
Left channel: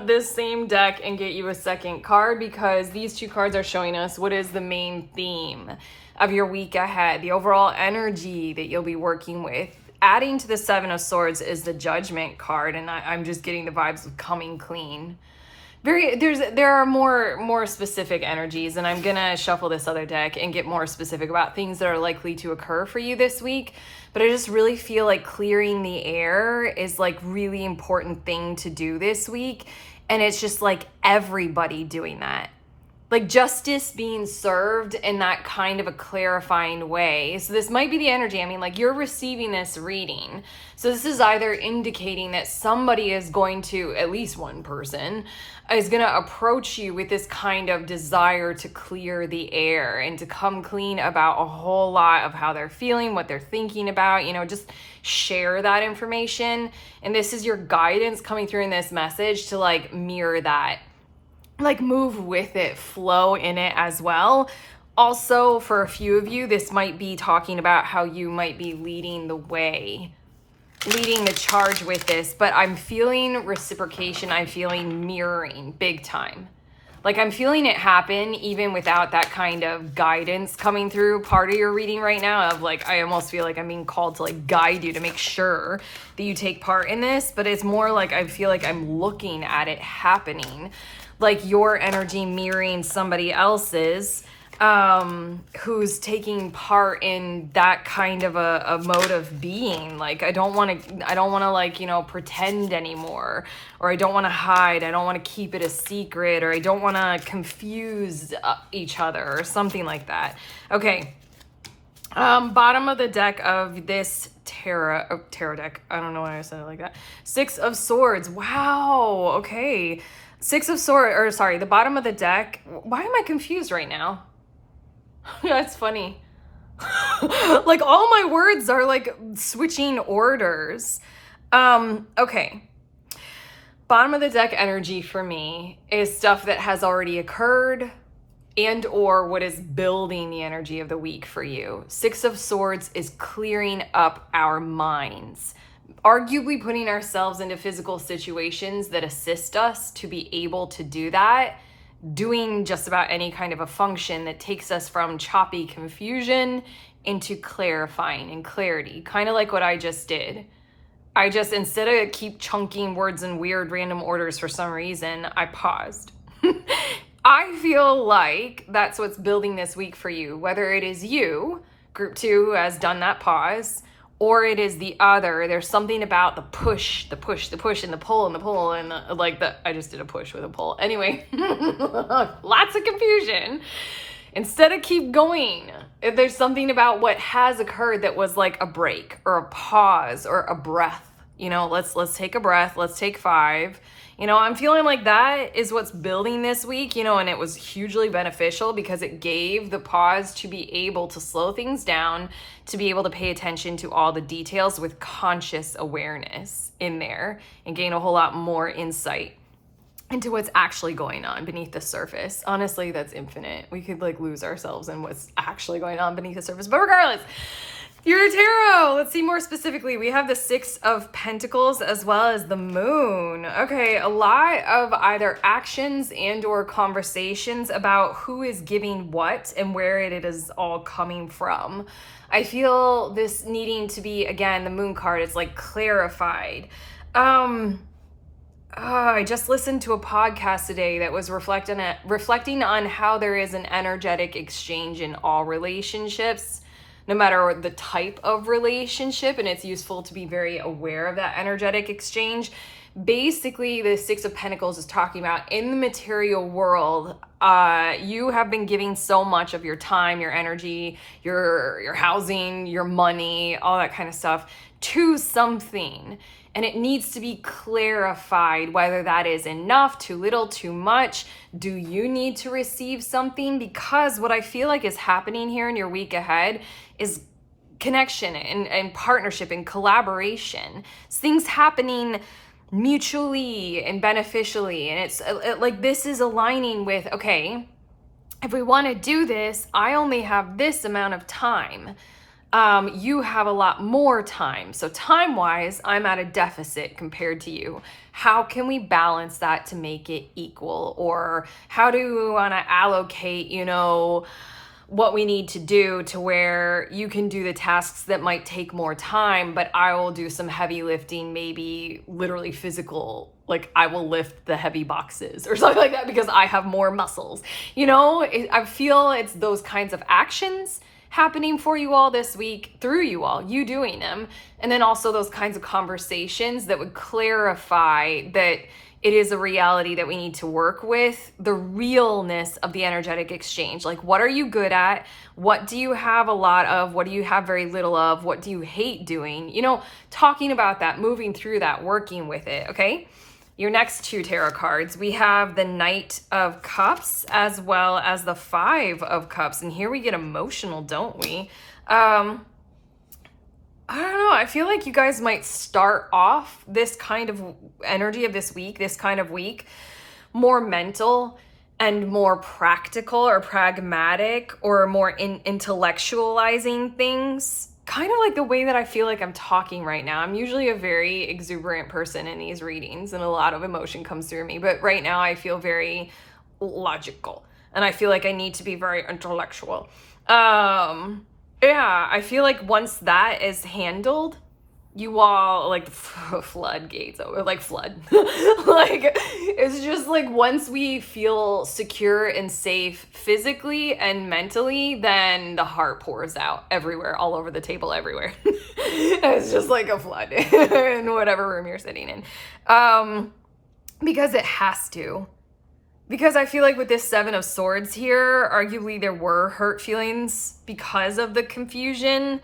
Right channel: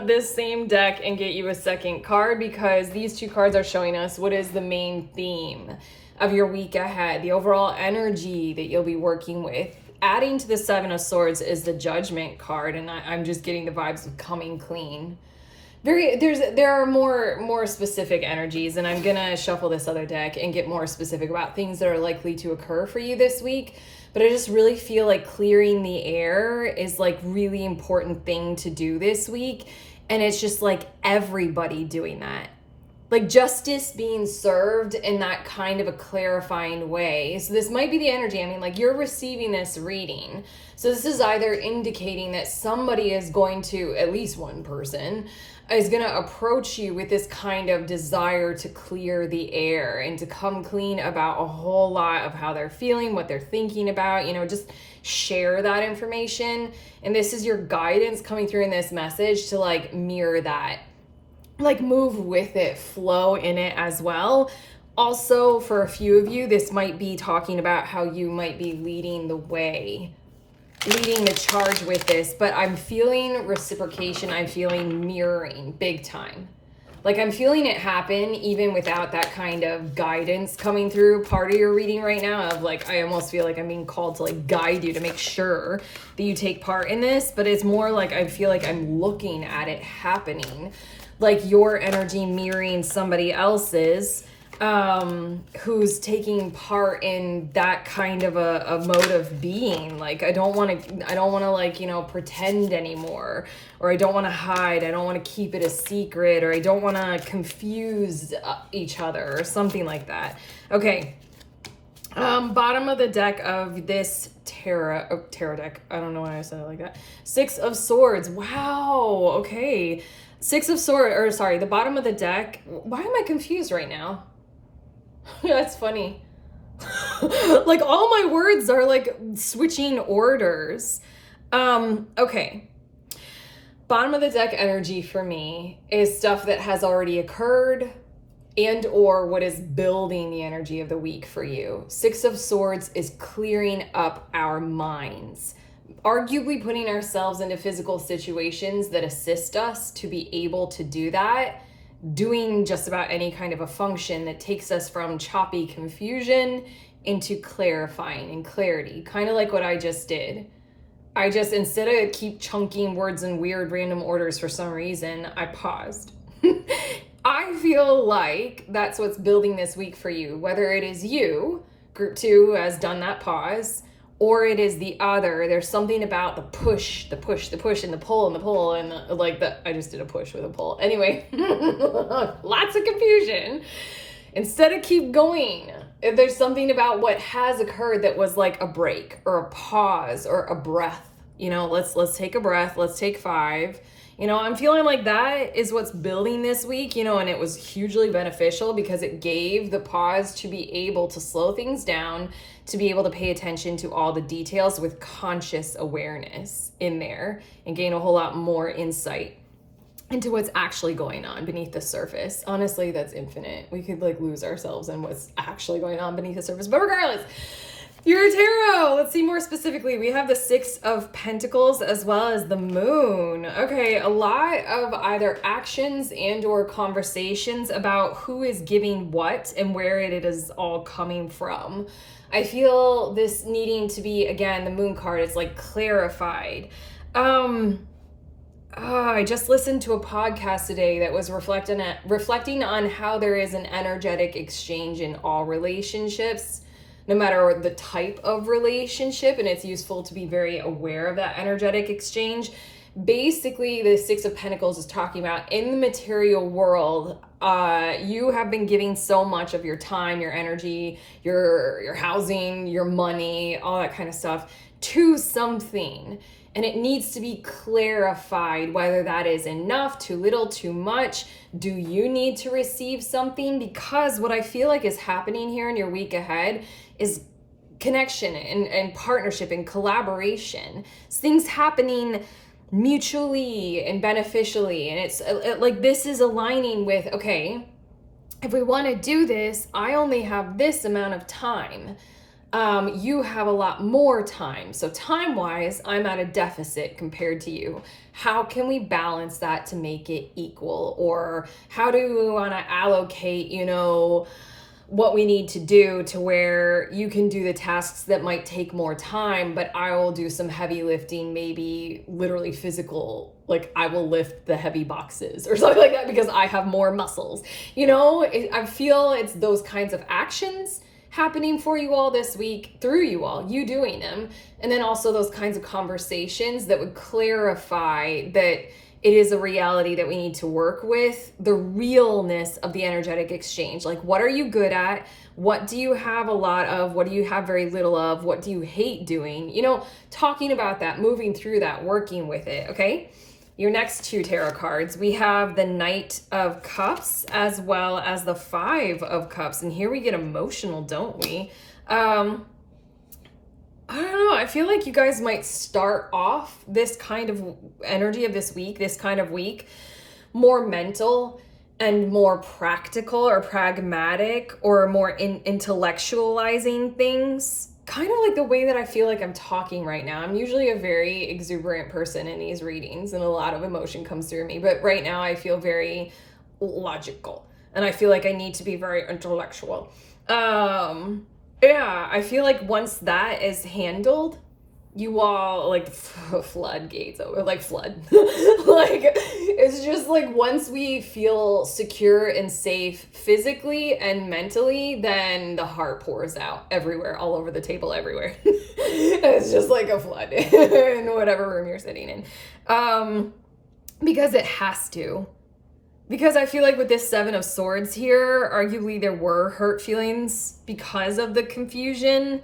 this same deck and get you a second card, because these two cards are showing us what is the main theme of your week ahead, the overall energy that you'll be working with. Adding to the Seven of Swords is the Judgment card, and I'm just getting the vibes of coming clean. There are more specific energies, and I'm gonna shuffle this other deck and get more specific about things that are likely to occur for you this week. But I just really feel like clearing the air is like really important thing to do this week, and it's just like everybody doing that. Like justice being served in that kind of a clarifying way. So this might be the energy. I mean, like you're receiving this reading. So this is either indicating that somebody is going to, at least one person, is going to approach you with this kind of desire to clear the air and to come clean about a whole lot of how they're feeling, what they're thinking about, just share that information. And this is your guidance coming through in this message to like mirror that. Like move with it, flow in it as well. Also, for a few of you, this might be talking about how you might be leading the way, leading the charge with this, but I'm feeling reciprocation. I'm feeling mirroring big time. Like I'm feeling it happen even without that kind of guidance coming through part of your reading right now of like, I almost feel like I'm being called to like guide you to make sure that you take part in this, but it's more like I feel like I'm looking at it happening. Like your energy mirroring somebody else's who's taking part in that kind of a mode of being. Like I don't want to like pretend anymore, or I don't want to hide, I don't want to keep it a secret, or I don't want to confuse each other or something like that. Okay, bottom of the deck of this tarot deck, I don't know why I said it like that. Six of Swords. Wow. Okay, Six of Swords, or sorry, the bottom of the deck. Why am I confused right now? That's funny. Like all my words are like switching orders. Okay. Bottom of the deck energy for me is stuff that has already occurred and or what is building the energy of the week for you. Six of Swords is clearing up our minds. Arguably putting ourselves into physical situations that assist us to be able to do that, doing just about any kind of a function that takes us from choppy confusion into clarifying and clarity, kind of like what I just did. I just, instead of keep chunking words in weird random orders for some reason, I paused. I feel like that's what's building this week for you, whether it is you, group two, who has done that pause, or it is the other. There's something about the push, and the pull, and I just did a push with a pull. Anyway, lots of confusion. Instead of keep going, if there's something about what has occurred that was like a break or a pause or a breath, let's take a breath. Let's take 5. I'm feeling like that is what's building this week, and it was hugely beneficial because it gave the pause to be able to slow things down, to be able to pay attention to all the details with conscious awareness in there and gain a whole lot more insight into what's actually going on beneath the surface. Honestly, that's infinite. We could lose ourselves in what's actually going on beneath the surface. But regardless, your tarot. Let's see more specifically. We have the 6 of Pentacles as well as the Moon. Okay, a lot of either actions and or conversations about who is giving what and where it is all coming from. I feel this needing to be, again, the Moon card, it's like clarified. I just listened to a podcast today that was reflecting on how there is an energetic exchange in all relationships, no matter the type of relationship, and it's useful to be very aware of that energetic exchange. Basically, the 6 of Pentacles is talking about in the material world, you have been giving so much of your time, your energy, your housing, your money, all that kind of stuff to something. And it needs to be clarified whether that is enough, too little, too much. Do you need to receive something? Because what I feel like is happening here in your week ahead is connection and partnership and collaboration. It's things happening mutually and beneficially. And it's like this is aligning with, okay, if we want to do this, I only have this amount of time. You have a lot more time. So time-wise, I'm at a deficit compared to you. How can we balance that to make it equal? Or how do we want to allocate, what we need to do to where you can do the tasks that might take more time, but I will do some heavy lifting, maybe literally physical, like I will lift the heavy boxes or something like that because I have more muscles. I feel it's those kinds of actions happening for you all this week through you doing them. And then also those kinds of conversations that would clarify that it is a reality that we need to work with, the realness of the energetic exchange. Like, what are you good at? What do you have a lot of? What do you have very little of? What do you hate doing? Talking about that, moving through that, working with it, okay? Your next 2 tarot cards, we have the Knight of Cups as well as the 5 of Cups. And here we get emotional, don't we? I don't know. I feel like you guys might start off this kind of energy of this kind of week, more mental and more practical or pragmatic or more intellectualizing things. Kind of like the way that I feel like I'm talking right now. I'm usually a very exuberant person in these readings and a lot of emotion comes through me. But right now I feel very logical and I feel like I need to be very intellectual. Yeah, I feel like once that is handled, you all floodgates over, flood. It's just once we feel secure and safe physically and mentally, then the heart pours out everywhere, all over the table, everywhere. It's just like a flood in whatever room you're sitting in. Because it has to. Because I feel like with this 7 of Swords here, arguably there were hurt feelings because of the confusion.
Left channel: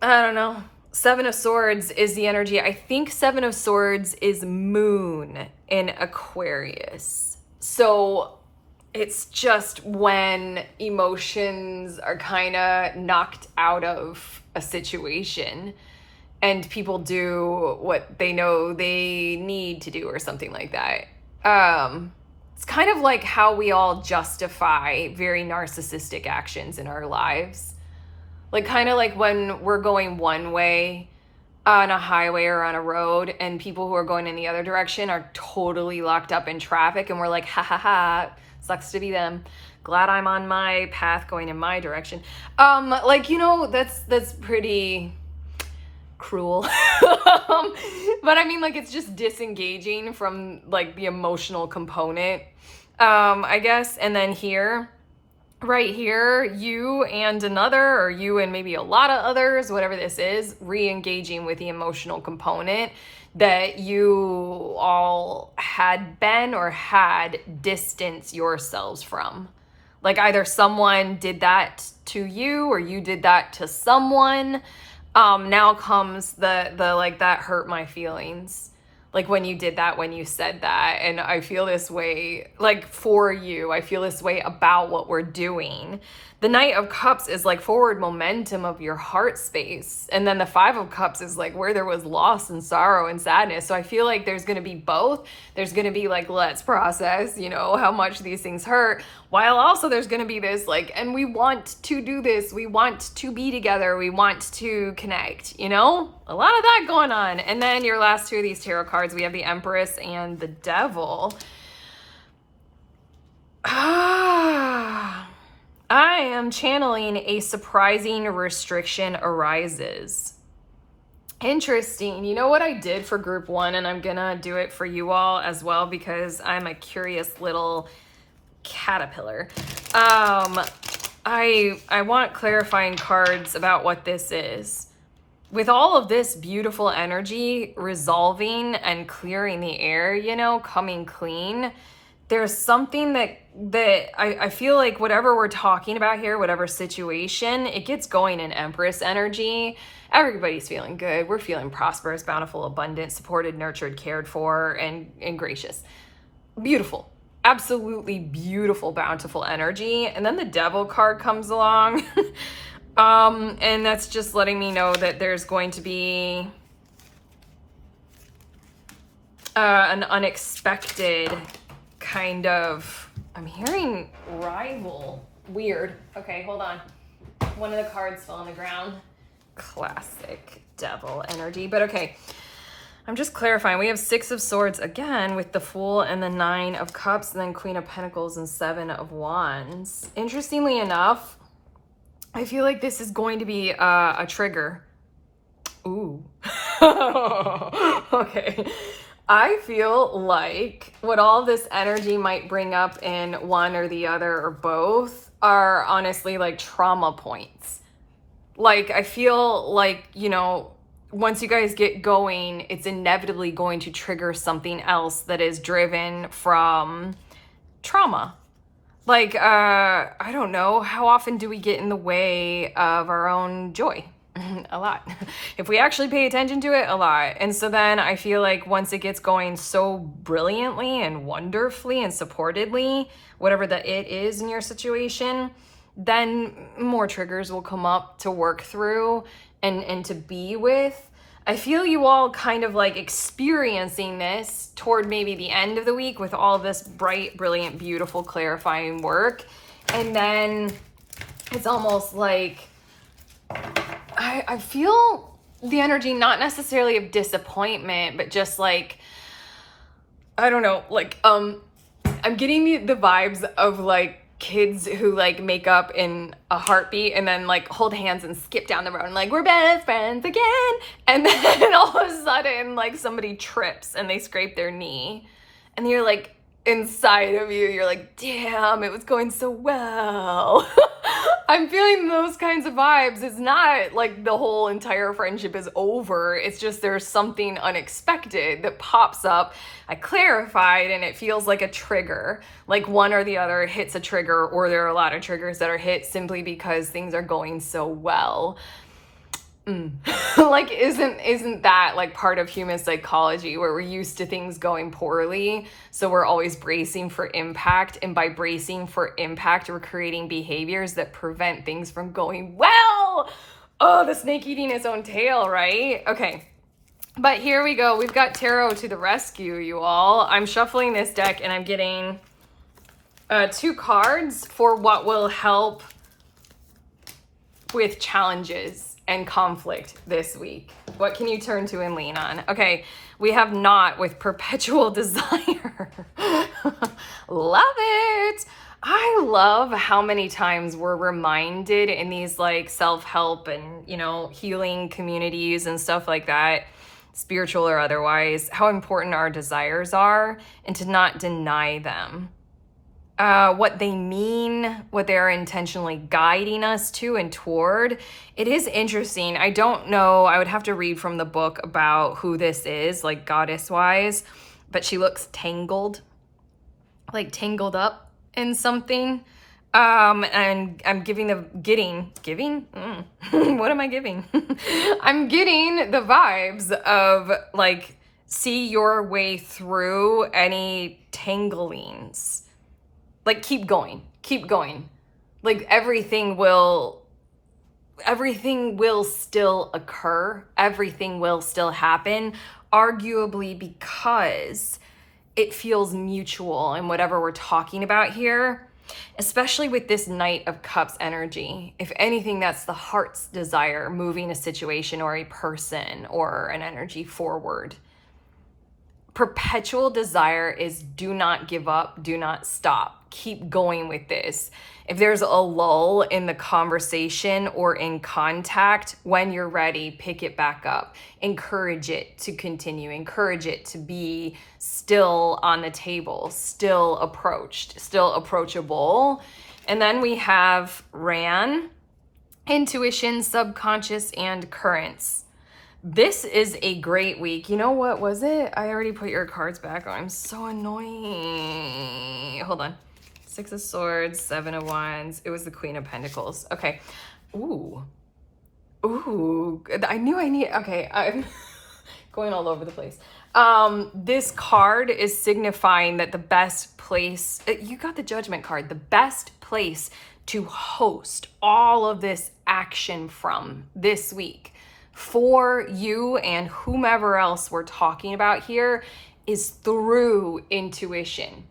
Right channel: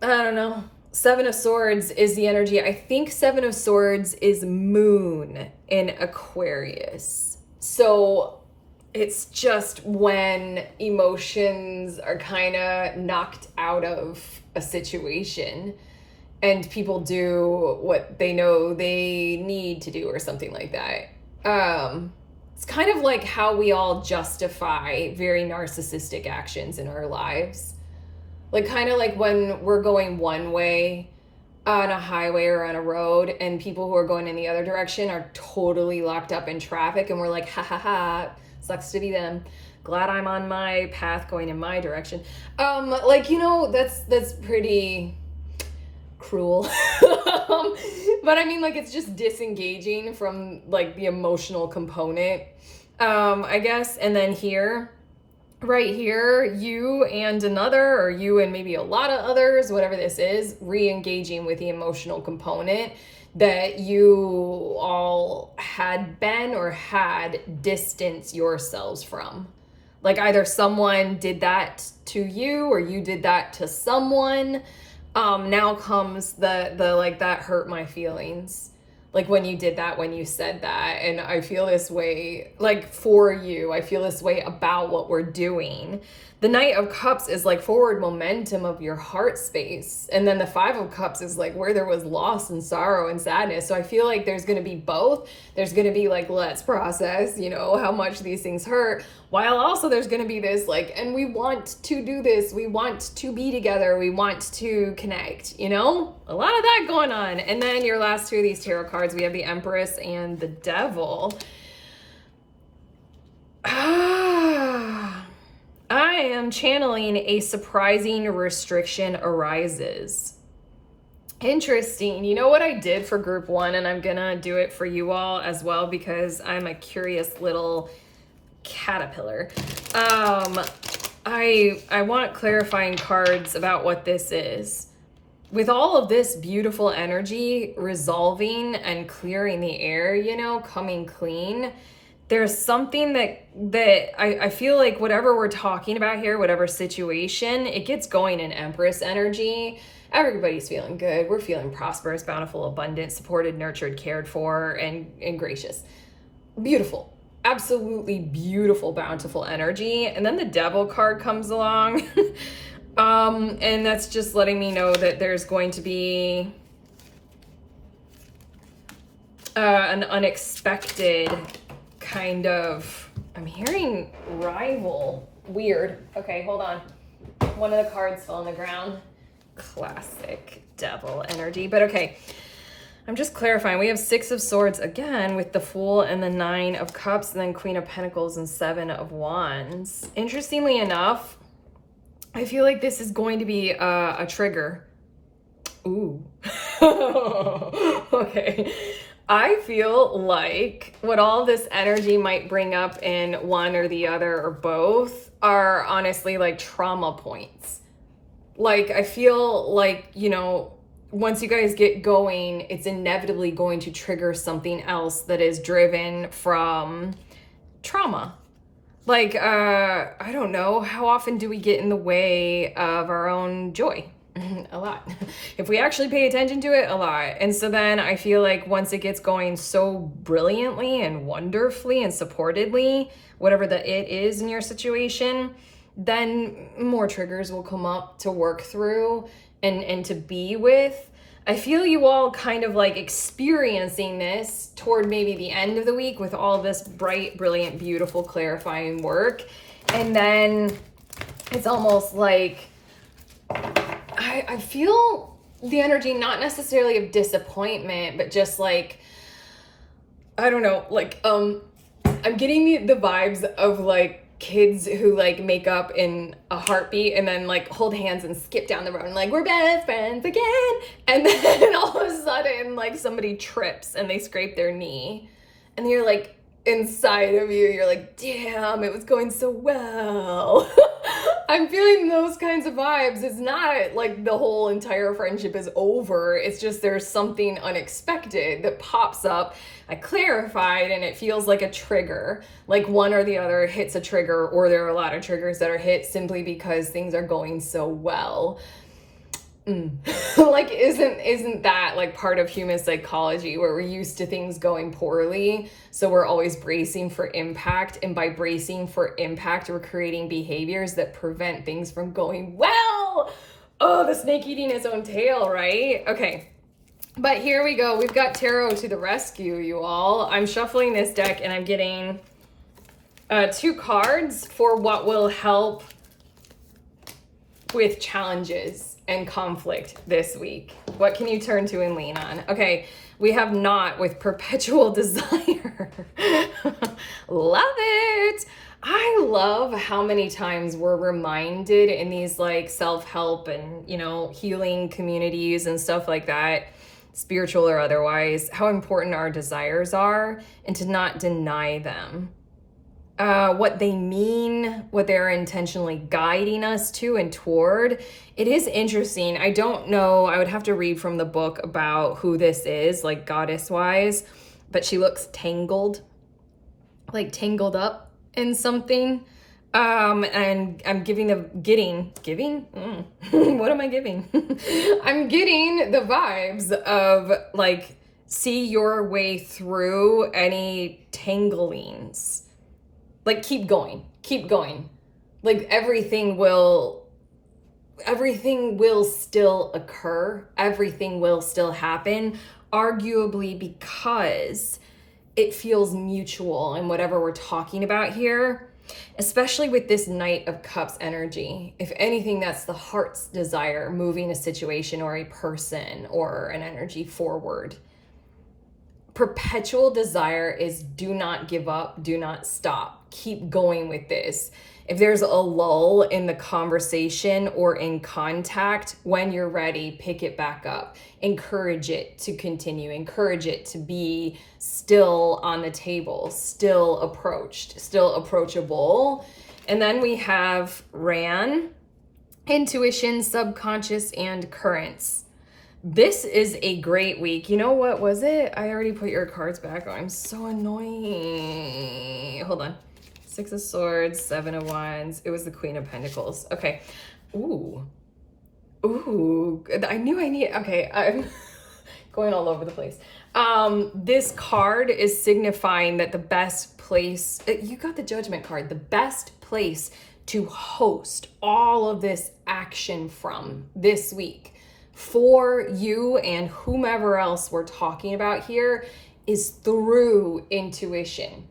I don't know. 7 of Swords is the energy. I think 7 of Swords is Moon in Aquarius. So it's just when emotions are kind of knocked out of a situation and people do what they know they need to do or something like that. It's kind of like how we all justify very narcissistic actions in our lives. Kind of like when we're going one way on a highway or on a road and people who are going in the other direction are totally locked up in traffic and we're like, ha ha ha, sucks to be them. Glad I'm on my path going in my direction. That's pretty cruel. But I mean, it's just disengaging from the emotional component, I guess. And then here right here, you and another, or you and maybe a lot of others, whatever this is, re-engaging with the emotional component that you all had been or had distanced yourselves from. Like either someone did that to you or you did that to someone. Now comes the like, that hurt my feelings. Like when you did that, when you said that, and I feel this way, like for you, I feel this way about what we're doing. The Knight of Cups is like forward momentum of your heart space. And then the Five of Cups is like where there was loss and sorrow and sadness. So I feel like there's going to be both. There's going to be like, let's process, you know, how much these things hurt. While also there's going to be this like, and we want to do this. We want to be together. We want to connect, you know, a lot of that going on. And then your last two of these tarot cards, we have the Empress and the Devil. I am channeling a surprising restriction arises. Interesting. You know what I did for group one, and I'm gonna do it for you all as well because I'm a curious little caterpillar. I want clarifying cards about what this is. With all of this beautiful energy resolving and clearing the air, you know, coming clean, there's something that I feel like whatever we're talking about here, whatever situation, it gets going in Empress energy. Everybody's feeling good. We're feeling prosperous, bountiful, abundant, supported, nurtured, cared for, and gracious. Beautiful. Absolutely beautiful, bountiful energy. And then the Devil card comes along. And that's just letting me know that there's going to be an unexpected kind of, I'm hearing rival. Weird. Okay, hold on. One of the cards fell on the ground. Classic Devil energy. But okay, I'm just clarifying. We have Six of Swords again with the Fool and the Nine of Cups, and then Queen of Pentacles and Seven of Wands. Interestingly enough, I feel like this is going to be a trigger. Ooh. Okay. I feel like what all this energy might bring up in one or the other or both are honestly like trauma points. Like, I feel like, you know, once you guys get going, it's inevitably going to trigger something else that is driven from trauma. Like, I don't know, how often do we get in the way of our own joy? A lot. If we actually pay attention to it, a lot. And so then I feel like once it gets going so brilliantly and wonderfully and supportedly, whatever the it is in your situation, then more triggers will come up to work through and to be with. I feel you all kind of like experiencing this toward maybe the end of the week with all this bright, brilliant, beautiful, clarifying work. And then it's almost like I feel the energy, not necessarily of disappointment, but just like, I don't know, like, I'm getting the vibes of like kids who like make up in a heartbeat and then like hold hands and skip down the road and like, we're best friends again. And then all of a sudden, like somebody trips and they scrape their knee and you're like, inside of you, you're like, damn, it was going so well. I'm feeling those kinds of vibes. It's not like the whole entire friendship is over. It's just there's something unexpected that pops up. I clarified and it feels like a trigger, like one or the other hits a trigger, or there are a lot of triggers that are hit simply because things are going so well. Like, isn't that like part of human psychology where we're used to things going poorly, so we're always bracing for impact, and by bracing for impact we're creating behaviors that prevent things from going well. Oh, the snake eating its own tail, right? Okay, but here we go. We've got tarot to the rescue, you all. I'm shuffling this deck and I'm getting two cards for what will help with challenges and conflict this week. What can you turn to and lean on? Okay, we have Not with Perpetual Desire. Love it. I love how many times we're reminded in these like self-help and, you know, healing communities and stuff like that, spiritual or otherwise, how important our desires are and to not deny them. what they mean, what they're intentionally guiding us to and toward. It is interesting. I don't know. I would have to read from the book about who this is, like goddess wise, but she looks tangled, like tangled up in something. And I'm giving, what am I giving? I'm getting the vibes of like, see your way through any tanglings. Like, keep going. Like, everything will still occur. Everything will still happen, arguably because it feels mutual in whatever we're talking about here, especially with this Knight of Cups energy. If anything, that's the heart's desire, moving a situation or a person or an energy forward. Perpetual desire is do not give up, do not stop, keep going with this. If there's a lull in the conversation or in contact, when you're ready, pick it back up. Encourage it to continue. Encourage it to be still on the table, still approached, still approachable. And then we have Ran, intuition, subconscious, and currents. This is a great week. You know what was it? I already put your cards back. Oh, I'm so annoying. Hold on. 6 of Swords, 7 of Wands. It was the Queen of Pentacles. Okay. Ooh. I knew I need, okay. I'm going all over the place. This card is signifying that the best place, you got the Judgment card, the best place to host all of this action from this week for you and whomever else we're talking about here is through intuition,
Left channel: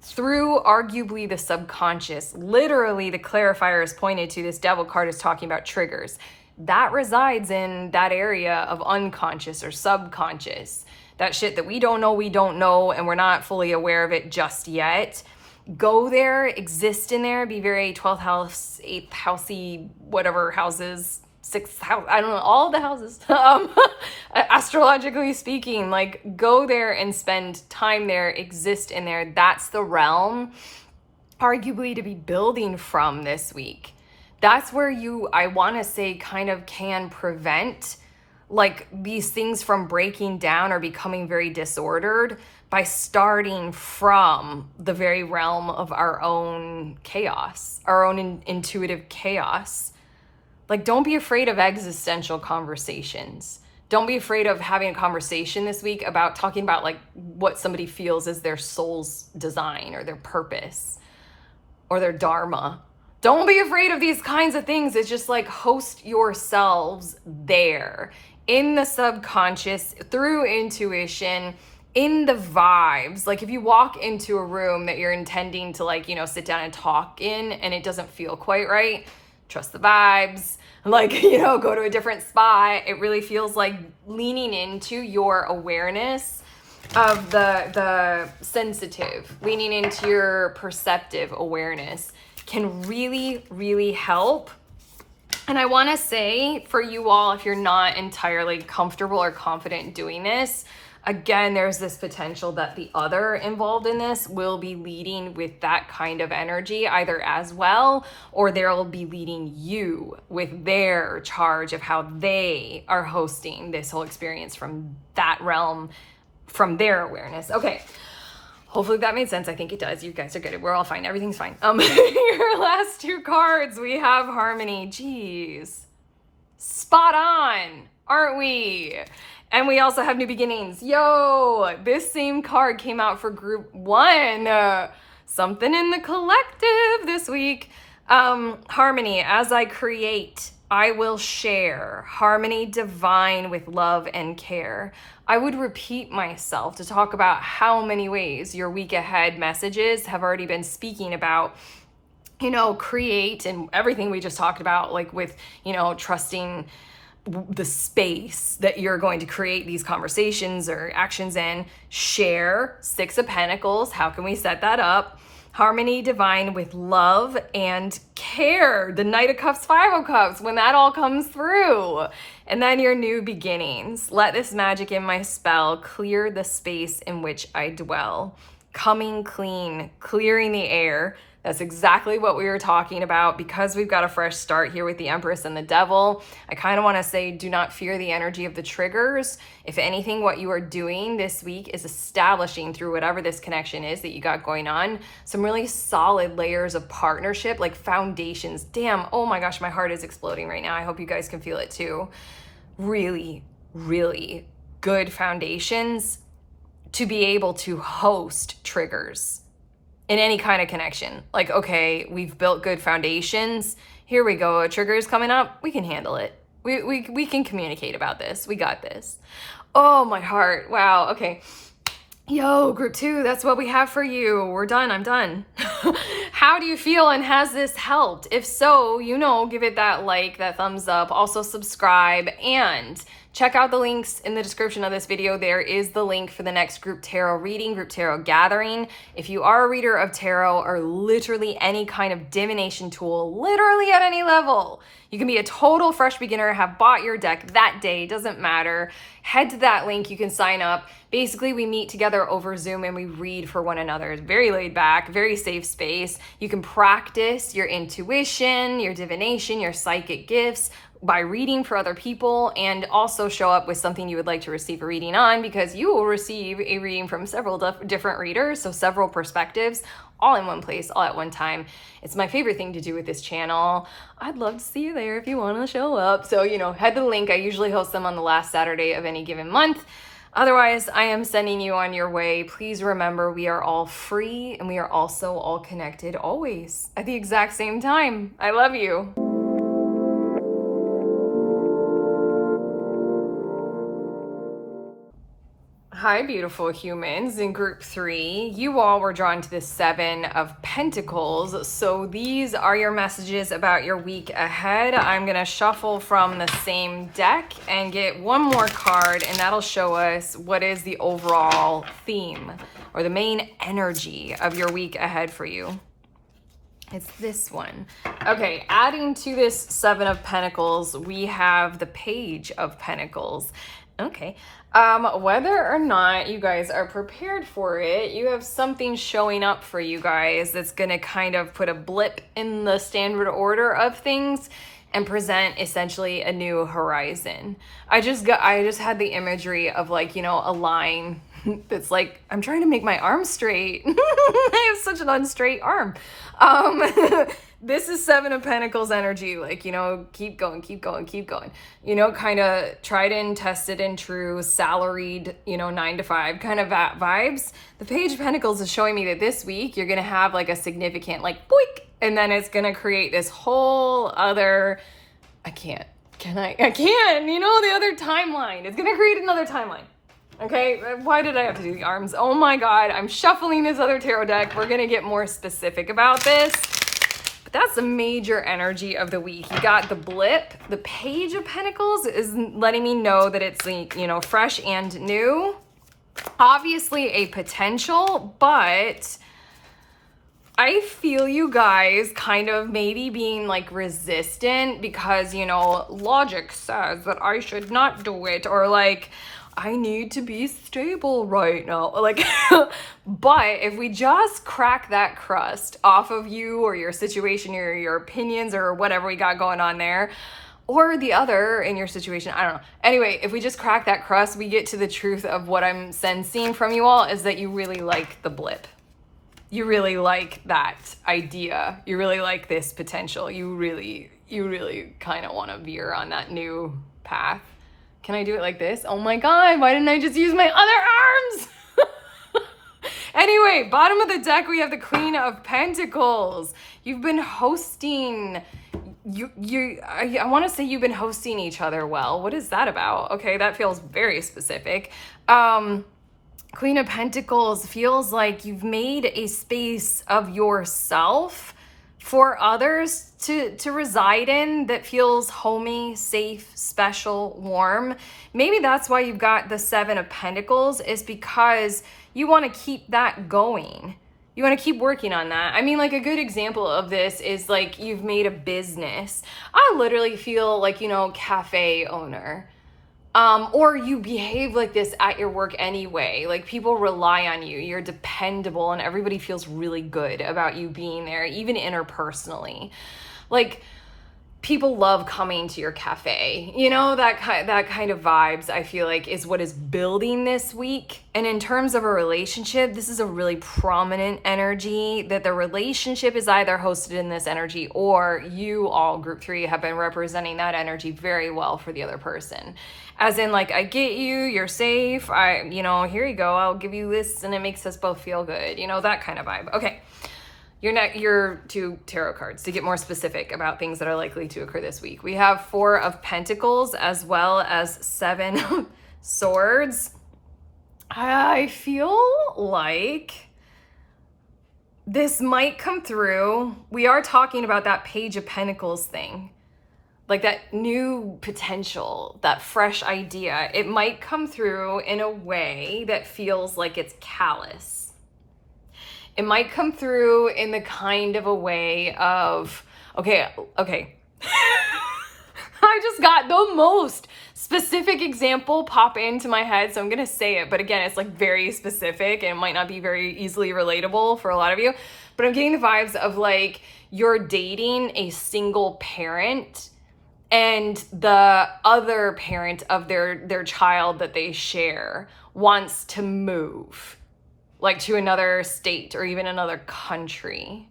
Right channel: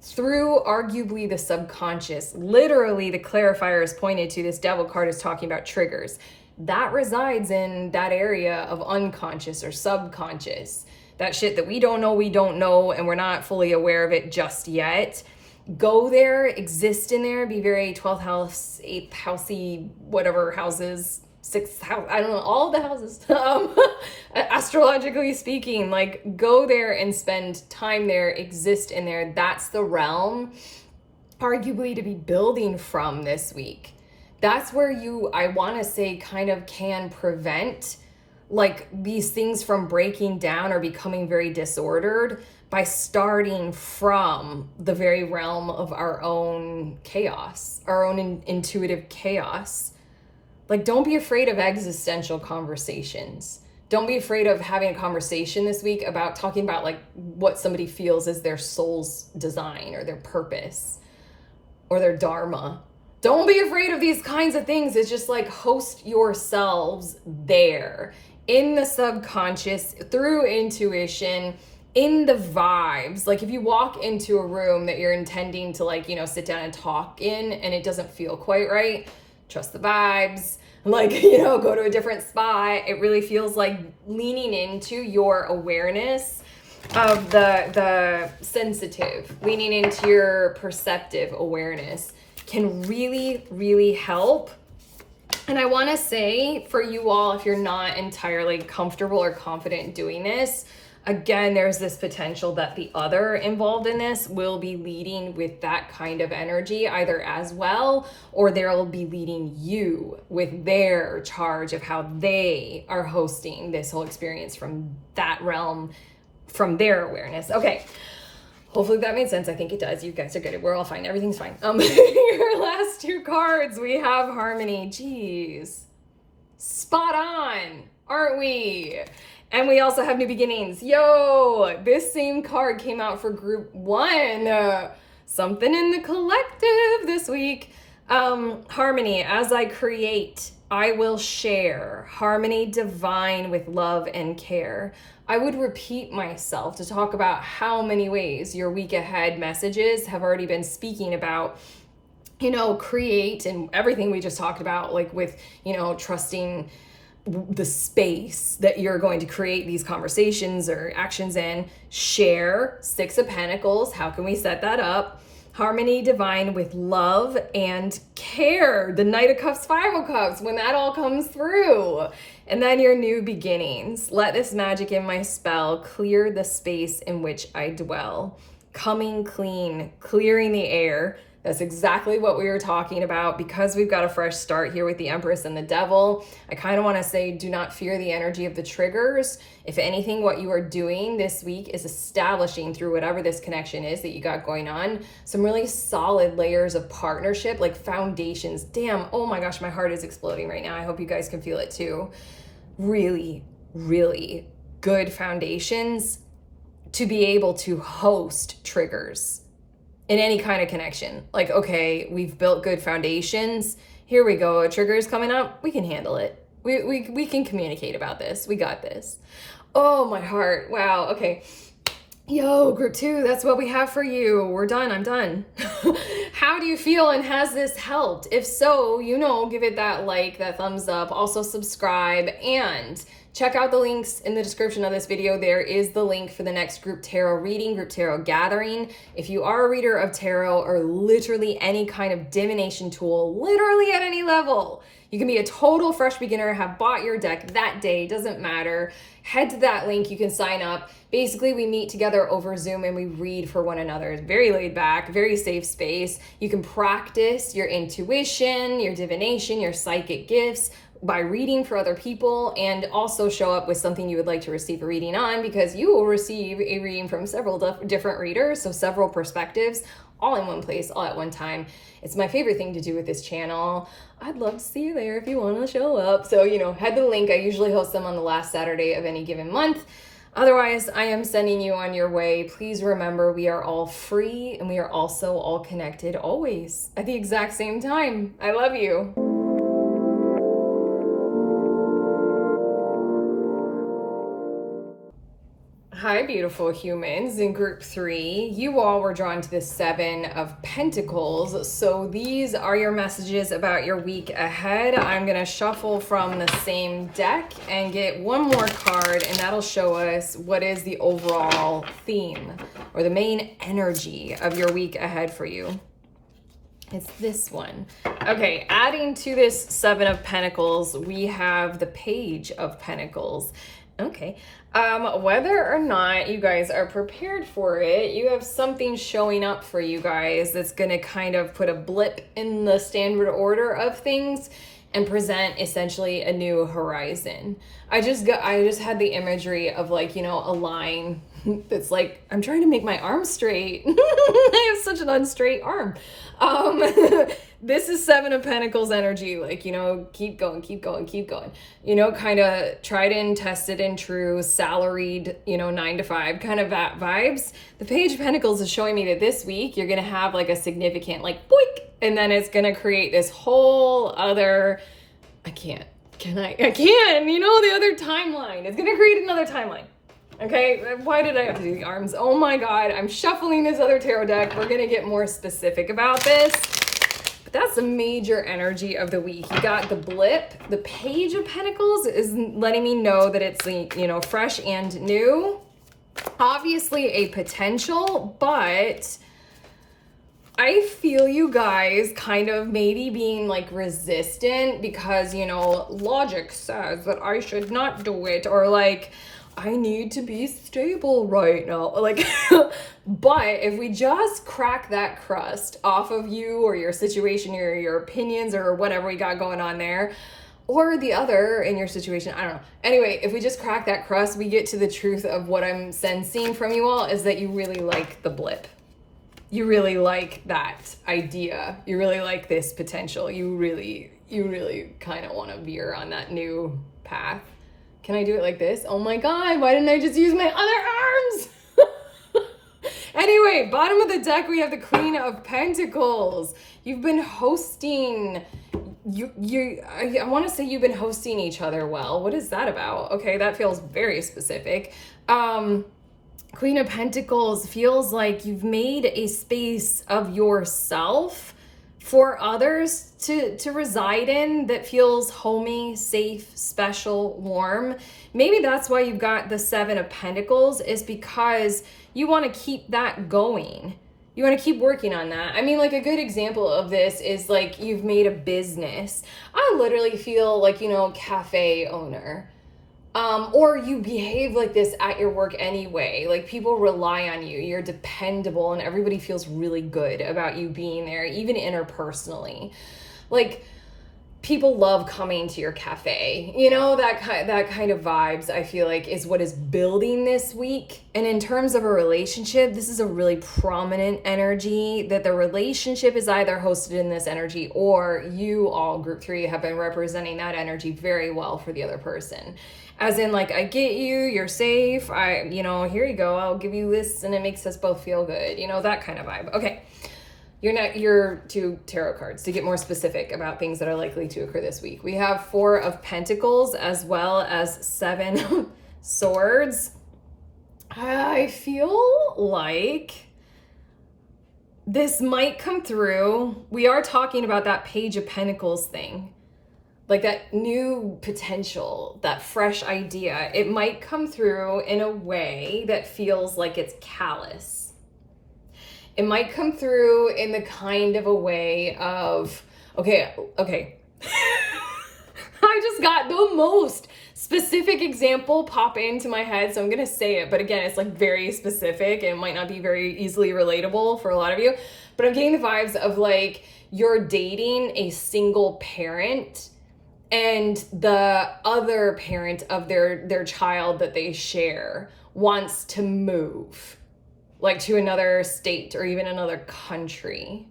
through arguably the subconscious. Literally, the clarifier is pointed to, this Devil card is talking about triggers. That resides in that area of unconscious or subconscious. That shit that we don't know, and we're not fully aware of it just yet. Go there, exist in there, be very 12th house, 8th housey, whatever houses, 6th house, I don't know, all the houses, astrologically speaking, like go there and spend time there, exist in there. That's the realm, arguably, to be building from this week. That's where you, I want to say, kind of can prevent like these things from breaking down or becoming very disordered by starting from the very realm of our own chaos, our own intuitive chaos. Like, don't be afraid of existential conversations. Don't be afraid of having a conversation this week about talking about like what somebody feels is their soul's design or their purpose or their dharma. Don't be afraid of these kinds of things. It's just like host yourselves there in the subconscious, through intuition, in the vibes. Like if you walk into a room that you're intending to like, you know, sit down and talk in and it doesn't feel quite right, trust the vibes. Like, you know, go to a different spot. It really feels like leaning into your awareness of the sensitive, leaning into your perceptive awareness can really, really help. And I want to say for you all, if you're not entirely comfortable or confident doing this, again, there's this potential that the other involved in this will be leading with that kind of energy either as well, or they'll be leading you with their charge of how they are hosting this whole experience from that realm, from their awareness. Okay. Hopefully that made sense. I think it does. You guys are good. We're all fine. Everything's fine. Your last two cards, we have Harmony. Jeez. Spot on, aren't we? And we also have New Beginnings. Yo, this same card came out for group 1. Something in the collective this week. Harmony, as I create, I will share. Harmony divine with love and care. I would repeat myself to talk about how many ways your week ahead messages have already been speaking about, you know, create and everything we just talked about, like with, you know, trusting the space that you're going to create these conversations or actions in. Share, 6 of Pentacles. How can we set that up? Harmony divine with love and care. The Knight of Cups, 5 of Cups, when that all comes through. And then your new beginnings. Let this magic in my spell clear the space in which I dwell. coming clean, clearing the air. That's exactly what we were talking about. Because we've got a fresh start here with the Empress and the Devil, I kind of want to say, do not fear the energy of the triggers. If anything, what you are doing this week is establishing, through whatever this connection is that you got going on, some really solid layers of partnership, like foundations. Damn, oh my gosh, my heart is exploding right now. I hope you guys can feel it too. Really, really good foundations to be able to host triggers in any kind of connection. Like, okay, we've built good foundations. Here we go. A trigger is coming up. We can handle it. We can communicate about this. We got this. Oh, my heart. Wow. Okay. Yo, group 2, that's what we have for you. We're done. I'm done. How do you feel, and has this helped? If so, give it that like, that thumbs up. Also subscribe, and check out the links in the description of this video. There is the link for the next group tarot reading, group tarot gathering. If you are a reader of tarot or literally any kind of divination tool, literally at any level, you can be a total fresh beginner, have bought your deck that day, doesn't matter. Head to that link, you can sign up. Basically, we meet together over Zoom and we read for one another. It's very laid back, very safe space. You can practice your intuition, your divination, your psychic gifts by reading for other people, and also show up with something you would like to receive a reading on, because you will receive a reading from several different readers, so several perspectives, all in one place, all at one time. It's my favorite thing to do with this channel. I'd love to see you there if you want to show up. So, head to the link. I usually host them on the last Saturday of any given month. Otherwise, I am sending you on your way. Please remember, we are all free, and we are also all connected always at the exact same time. I love you. Hi, beautiful humans. In group 3, you all were drawn to the 7 of Pentacles. So these are your messages about your week ahead. I'm going to shuffle from the same deck and get one more card, and that'll show us what is the overall theme or the main energy of your week ahead for you. It's this one. Okay, adding to this 7 of Pentacles, we have the Page of Pentacles. Okay. Whether or not you guys are prepared for it, you have something showing up for you guys that's going to kind of put a blip in the standard order of things and present essentially a new horizon. I just had the imagery of, like, a line that's like, I'm trying to make my arm straight. I have such an unstraight arm. This is 7 of Pentacles energy, like, keep going, keep going, keep going, kind of tried and tested and true, salaried, 9 to 5 kind of vibes. The Page of Pentacles is showing me that this week you're going to have like a significant, like, boink, and then it's going to create this whole other, the other timeline. It's going to create another timeline. Okay, why did I have to do the arms? Oh my God, I'm shuffling this other tarot deck. We're going to get more specific about this. But that's the major energy of the week. You got the blip. The Page of Pentacles is letting me know that it's, fresh and new. Obviously a potential, but I feel you guys kind of maybe being like resistant because, logic says that I should not do it, or like, I need to be stable right now. Like, but if we just crack that crust off of you or your situation or your opinions or whatever we got going on there, or the other in your situation, I don't know. Anyway, if we just crack that crust, we get to the truth of what I'm sensing from you all is that you really like the blip. You really like that idea. You really like this potential. You really kind of want to veer on that new path. Can I do it like this? Oh my God, why didn't I just use my other arms? Anyway, bottom of the deck, we have the Queen of Pentacles. You've been hosting, I want to say you've been hosting each other well. What is that about? Okay, that feels very specific. Queen of Pentacles feels like you've made a space of yourself for others to reside in that feels homey, safe, special, warm. Maybe that's why you've got the 7 of Pentacles, is because you want to keep that going. You want to keep working on that. I mean, like, a good example of this is like you've made a business. I literally feel like, cafe owner. Or you behave like this at your work anyway. Like, people rely on you. You're dependable and everybody feels really good about you being there, even interpersonally. Like, people love coming to your cafe. You know, that kind of vibes, I feel like, is what is building this week. And in terms of a relationship, this is a really prominent energy, that the relationship is either hosted in this energy, or you all, group 3, have been representing that energy very well for the other person. As in, like, I get you, you're safe, here you go, I'll give you this, and it makes us both feel good. You know, that kind of vibe. Okay. Your 2 tarot cards to get more specific about things that are likely to occur this week. We have 4 of Pentacles as well as 7 of Swords. I feel like this might come through. We are talking about that Page of Pentacles thing, like that new potential, that fresh idea. It might come through in a way that feels like it's callous. It might come through in the kind of a way of, okay. I just got the most specific example pop into my head, so I'm gonna say it, but again, it's like very specific and it might not be very easily relatable for a lot of you, but I'm getting the vibes of like you're dating a single parent and the other parent of their child that they share wants to move, like to another state or even another country.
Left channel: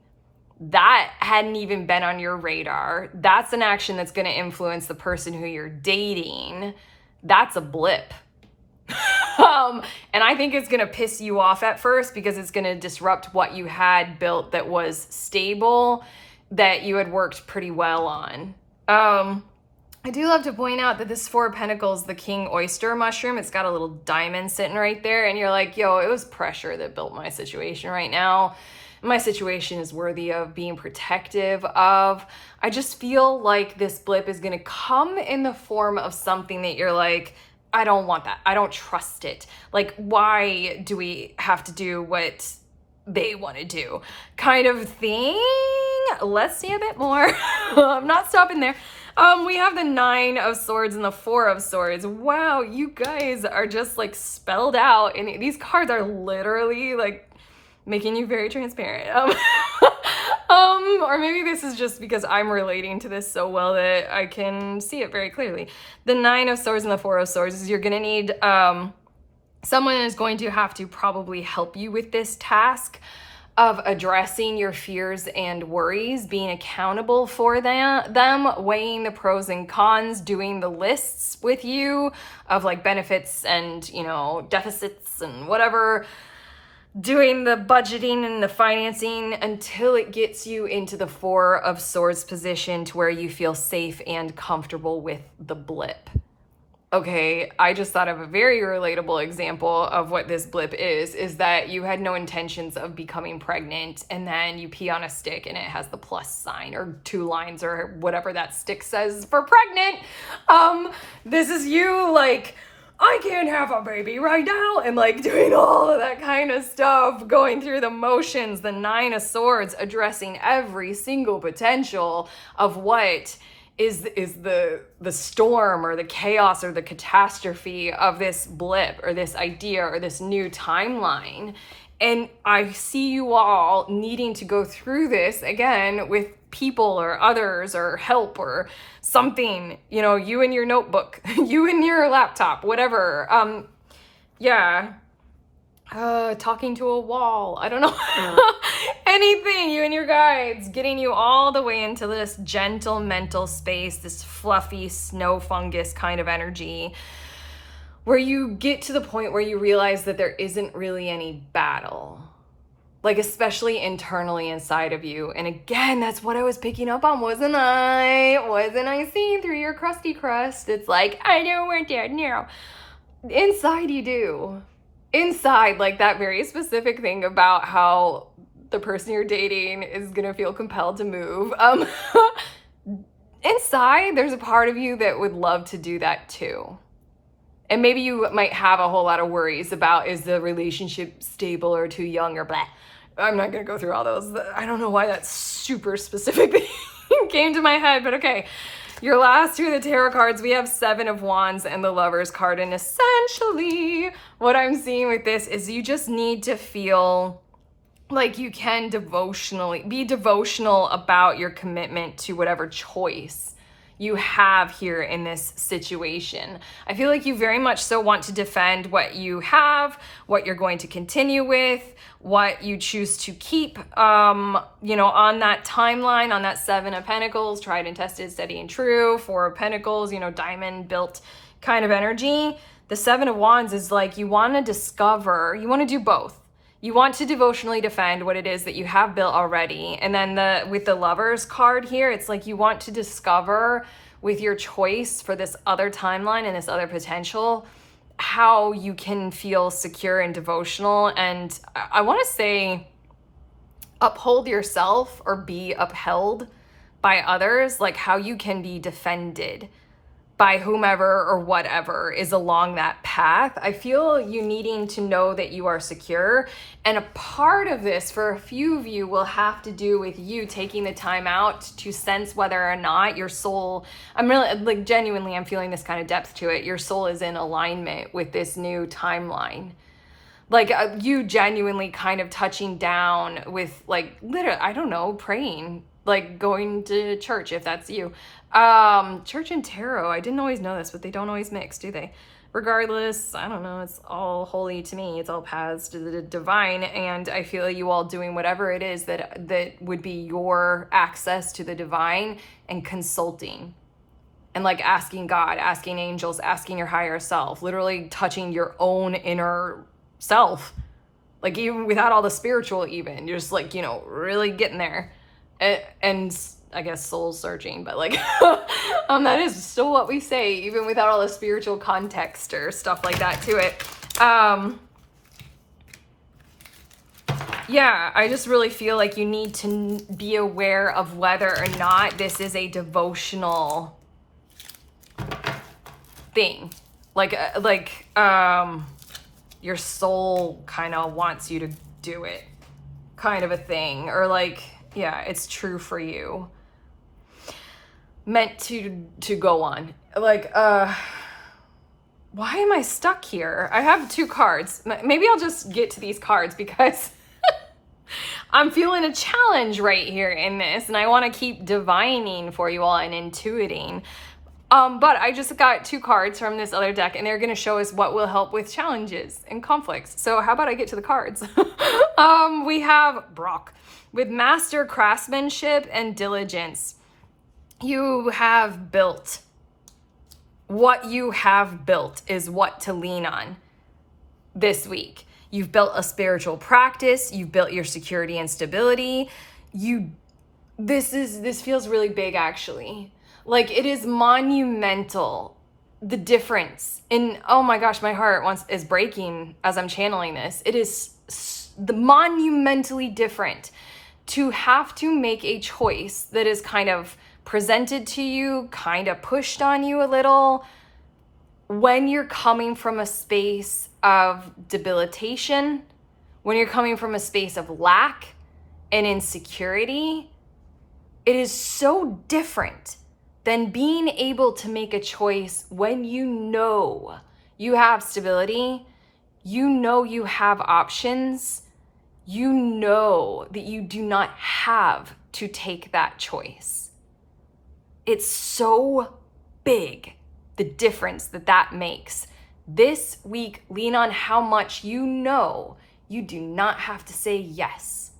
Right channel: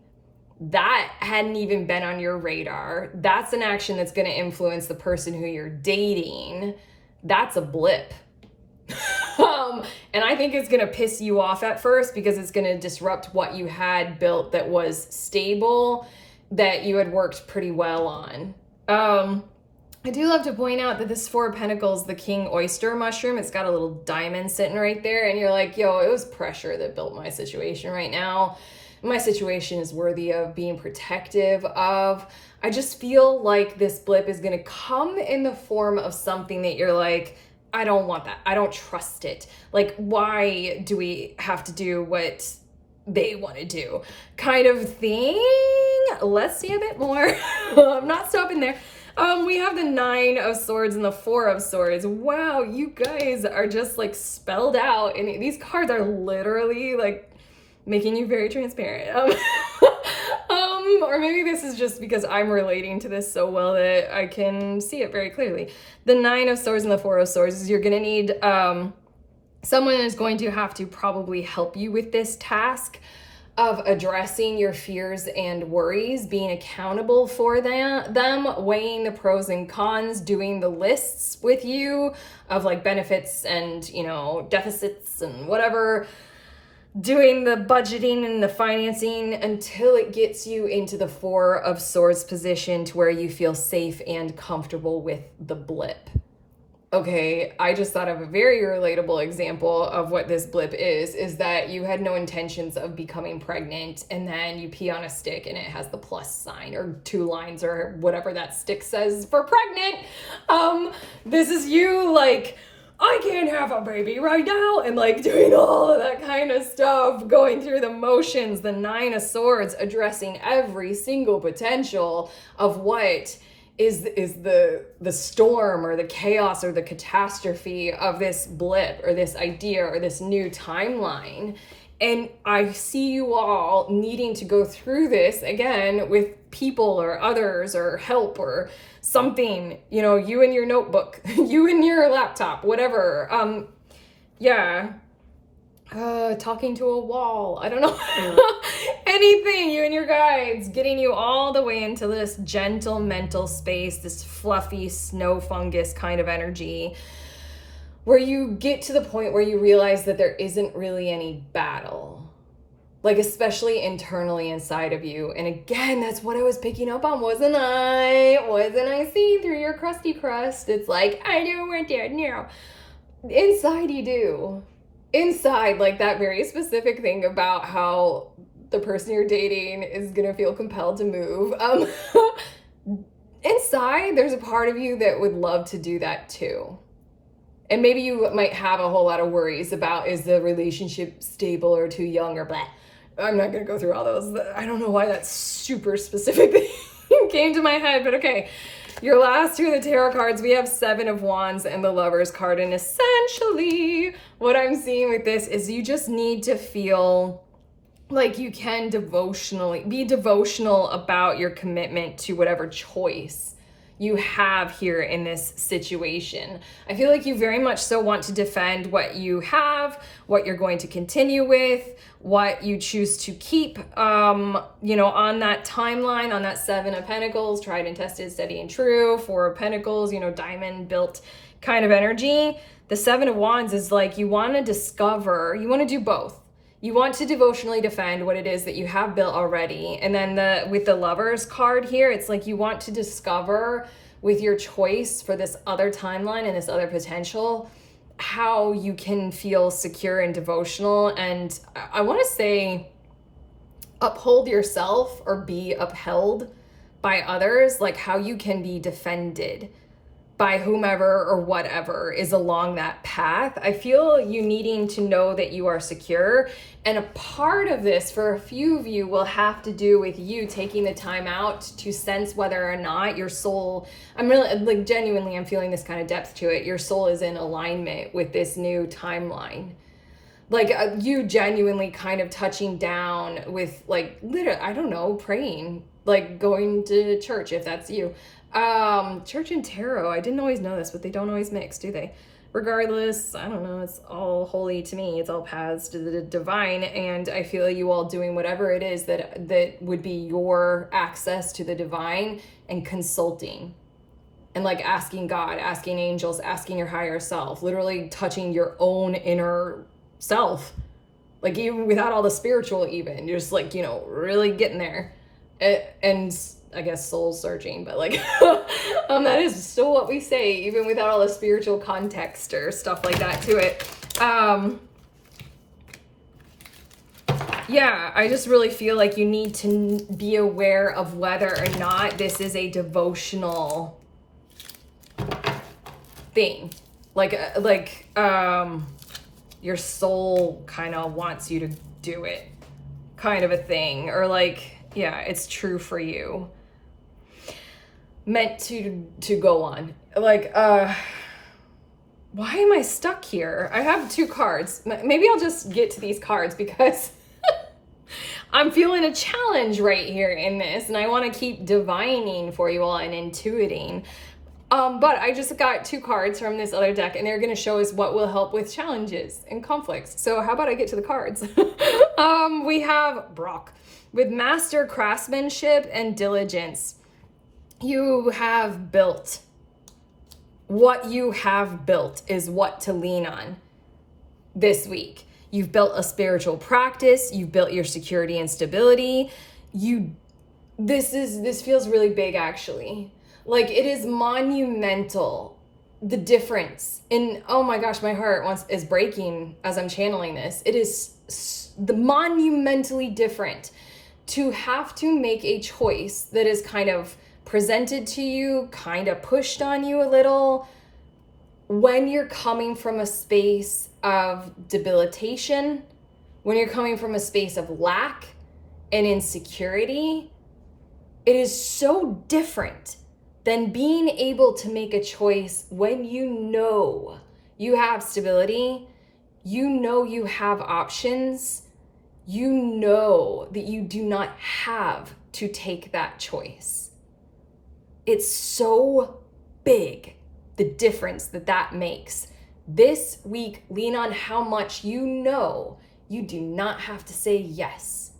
That hadn't even been on your radar. That's an action that's going to influence the person who you're dating. That's a blip. And I think it's going to piss you off at first because it's going to disrupt what you had built that was stable, that you had worked pretty well on. I do love to point out that this 4 of Pentacles, the King Oyster mushroom, it's got a little diamond sitting right there. And you're like, yo, it was pressure that built my situation right now. My situation is worthy of being protective of. I just feel like this blip is going to come in the form of something that you're like, I don't want that. I don't trust it. Like, why do we have to do what they want to do? Kind of thing. Let's see a bit more. I'm not stopping there. We have the 9 of Swords and the 4 of Swords. Wow, you guys are just like spelled out. And these cards are literally like making you very transparent. Or maybe this is just because I'm relating to this so well that I can see it very clearly. The 9 of Swords and the 4 of Swords is you're going to need, someone is going to have to probably help you with this task of addressing your fears and worries, being accountable for them, weighing the pros and cons, doing the lists with you of like benefits and, you know, deficits and whatever, doing the budgeting and the financing until it gets you into the 4 of Swords position to where you feel safe and comfortable with the blip. Okay, I just thought of a very relatable example of what this blip is that you had no intentions of becoming pregnant and then you pee on a stick and it has the plus sign or 2 lines or whatever that stick says for pregnant. This is you like, I can't have a baby right now, and like doing all of that kind of stuff, going through the motions, the 9 of Swords, addressing every single potential of what is the storm or the chaos or the catastrophe of this blip or this idea or this new timeline. And I see you all needing to go through this again with people or others or help or something, you know, you and your notebook, you and your laptop, whatever. Talking to a wall, I don't know. Anything, you and your guides, getting you all the way into this gentle mental space, this fluffy snow fungus kind of energy, where you get to the point where you realize that there isn't really any battle, like especially internally inside of you. And again, that's what I was picking up on, wasn't I seeing through your crusty crust? It's like, I know we're dead now. Inside you do. Inside, like that very specific thing about how the person you're dating is gonna feel compelled to move. Inside, there's a part of you that would love to do that too. And maybe you might have a whole lot of worries about, is the relationship stable or too young or blah. I'm not gonna go through all those. I don't know why that super specific thing came to my head, but okay. Your last two of the tarot cards, we have Seven of Wands and the Lover's card. And essentially what I'm seeing with this is you just need to feel like you can be devotional about your commitment to whatever choice you have here in this situation. I feel like you very much so want to defend what you have, what you're going to continue with, what you choose to keep, you know, on that timeline, on that Seven of Pentacles, tried and tested, steady and true. Four of Pentacles, you know, diamond built kind of energy. The Seven of Wands is like you want to discover, you want to do both. You want to devotionally defend what it is that you have built already. And then with the Lover's card here, it's like you want to discover with your choice for this other timeline and this other potential, how you can feel secure and devotional. And I want to say uphold yourself or be upheld by others, like how you can be defended by whomever or whatever is along that path. I feel you needing to know that you are secure. And a part of this for a few of you will have to do with you taking the time out to sense whether or not your soul, I'm really like genuinely, I'm feeling this kind of depth to it. Your soul is in alignment with this new timeline. Like you genuinely kind of touching down with like, literally, I don't know, praying, like going to church if that's you. Church and tarot, I didn't always know this, but they don't always mix, do they? Regardless, I don't know, it's all holy to me. It's all paths to the divine. And I feel you all doing whatever it is that would be your access to the divine and consulting. And like asking God, asking angels, asking your higher self, literally touching your own inner self. Like even without all the spiritual even, you're just like, you know, really getting there. And I guess soul searching, but like that is still what we say, even without all the spiritual context or stuff like that to it. Yeah, I just really feel like you need to be aware of whether or not this is a devotional thing. Like your soul kind of wants you to do it, kind of a thing, or like, yeah, it's true for you. Meant to go on. Like, why am I stuck here? I have two cards. Maybe I'll just get to these cards because I'm feeling a challenge right here in this, and I want to keep divining for you all and intuiting. But I just got two cards from this other deck, and they're going to show us what will help with challenges and conflicts. So how about I get to the cards? We have Brock with master craftsmanship and diligence. You have built. What you have built is what to lean on this week. You've built a spiritual practice. You've built your security and stability. This feels really big, actually. Like it is monumental. The difference in, oh my gosh, my heart is breaking as I'm channeling this. It is the monumentally different to have to make a choice that is kind of presented to you, kind of pushed on you a little, when you're coming from a space of debilitation, when you're coming from a space of lack and insecurity. It is so different than being able to make a choice when you know you have stability, you know you have options, you know that you do not have to take that choice. It's so big, the difference that makes. This week, lean on how much you know you do not have to say yes.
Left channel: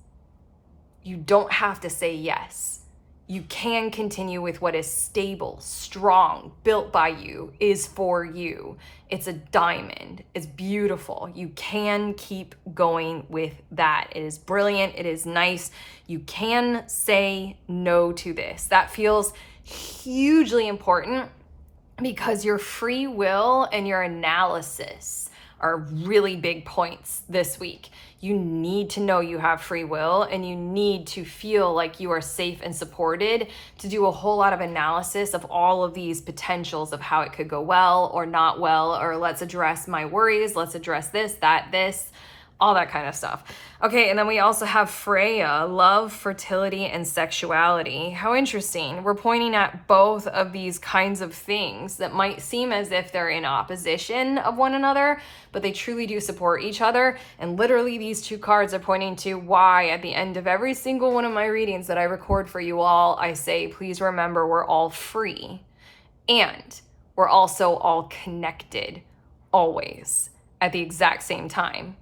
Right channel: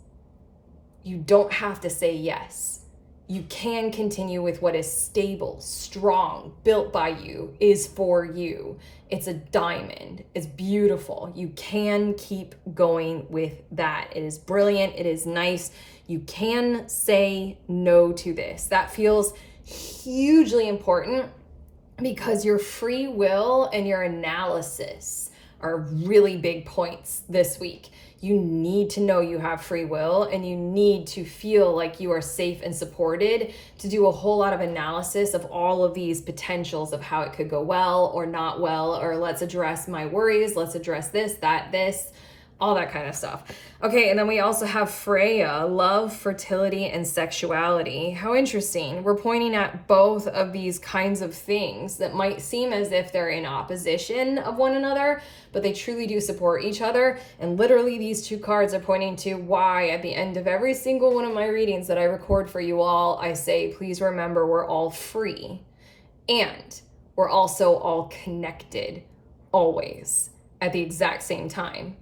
You don't have to say yes. You can continue with what is stable, strong, built by you, is for you. It's a diamond. It's beautiful. You can keep going with that. It is brilliant. It is nice. You can say no to this. That feels hugely important because your free will and your analysis are really big points this week. You need to know you have free will, and you need to feel like you are safe and supported to do a whole lot of analysis of all of these potentials of how it could go well or not well, or let's address my worries, let's address this, that, this. all that kind of stuff. Okay, and then we also have Freya, love, fertility, and sexuality. How interesting. We're pointing at both of these kinds of things that might seem as if they're in opposition of one another, but they truly do support each other. And literally these two cards are pointing to why at the end of every single one of my readings that I record for you all, I say, please remember we're all free and we're also all connected always at the exact same time.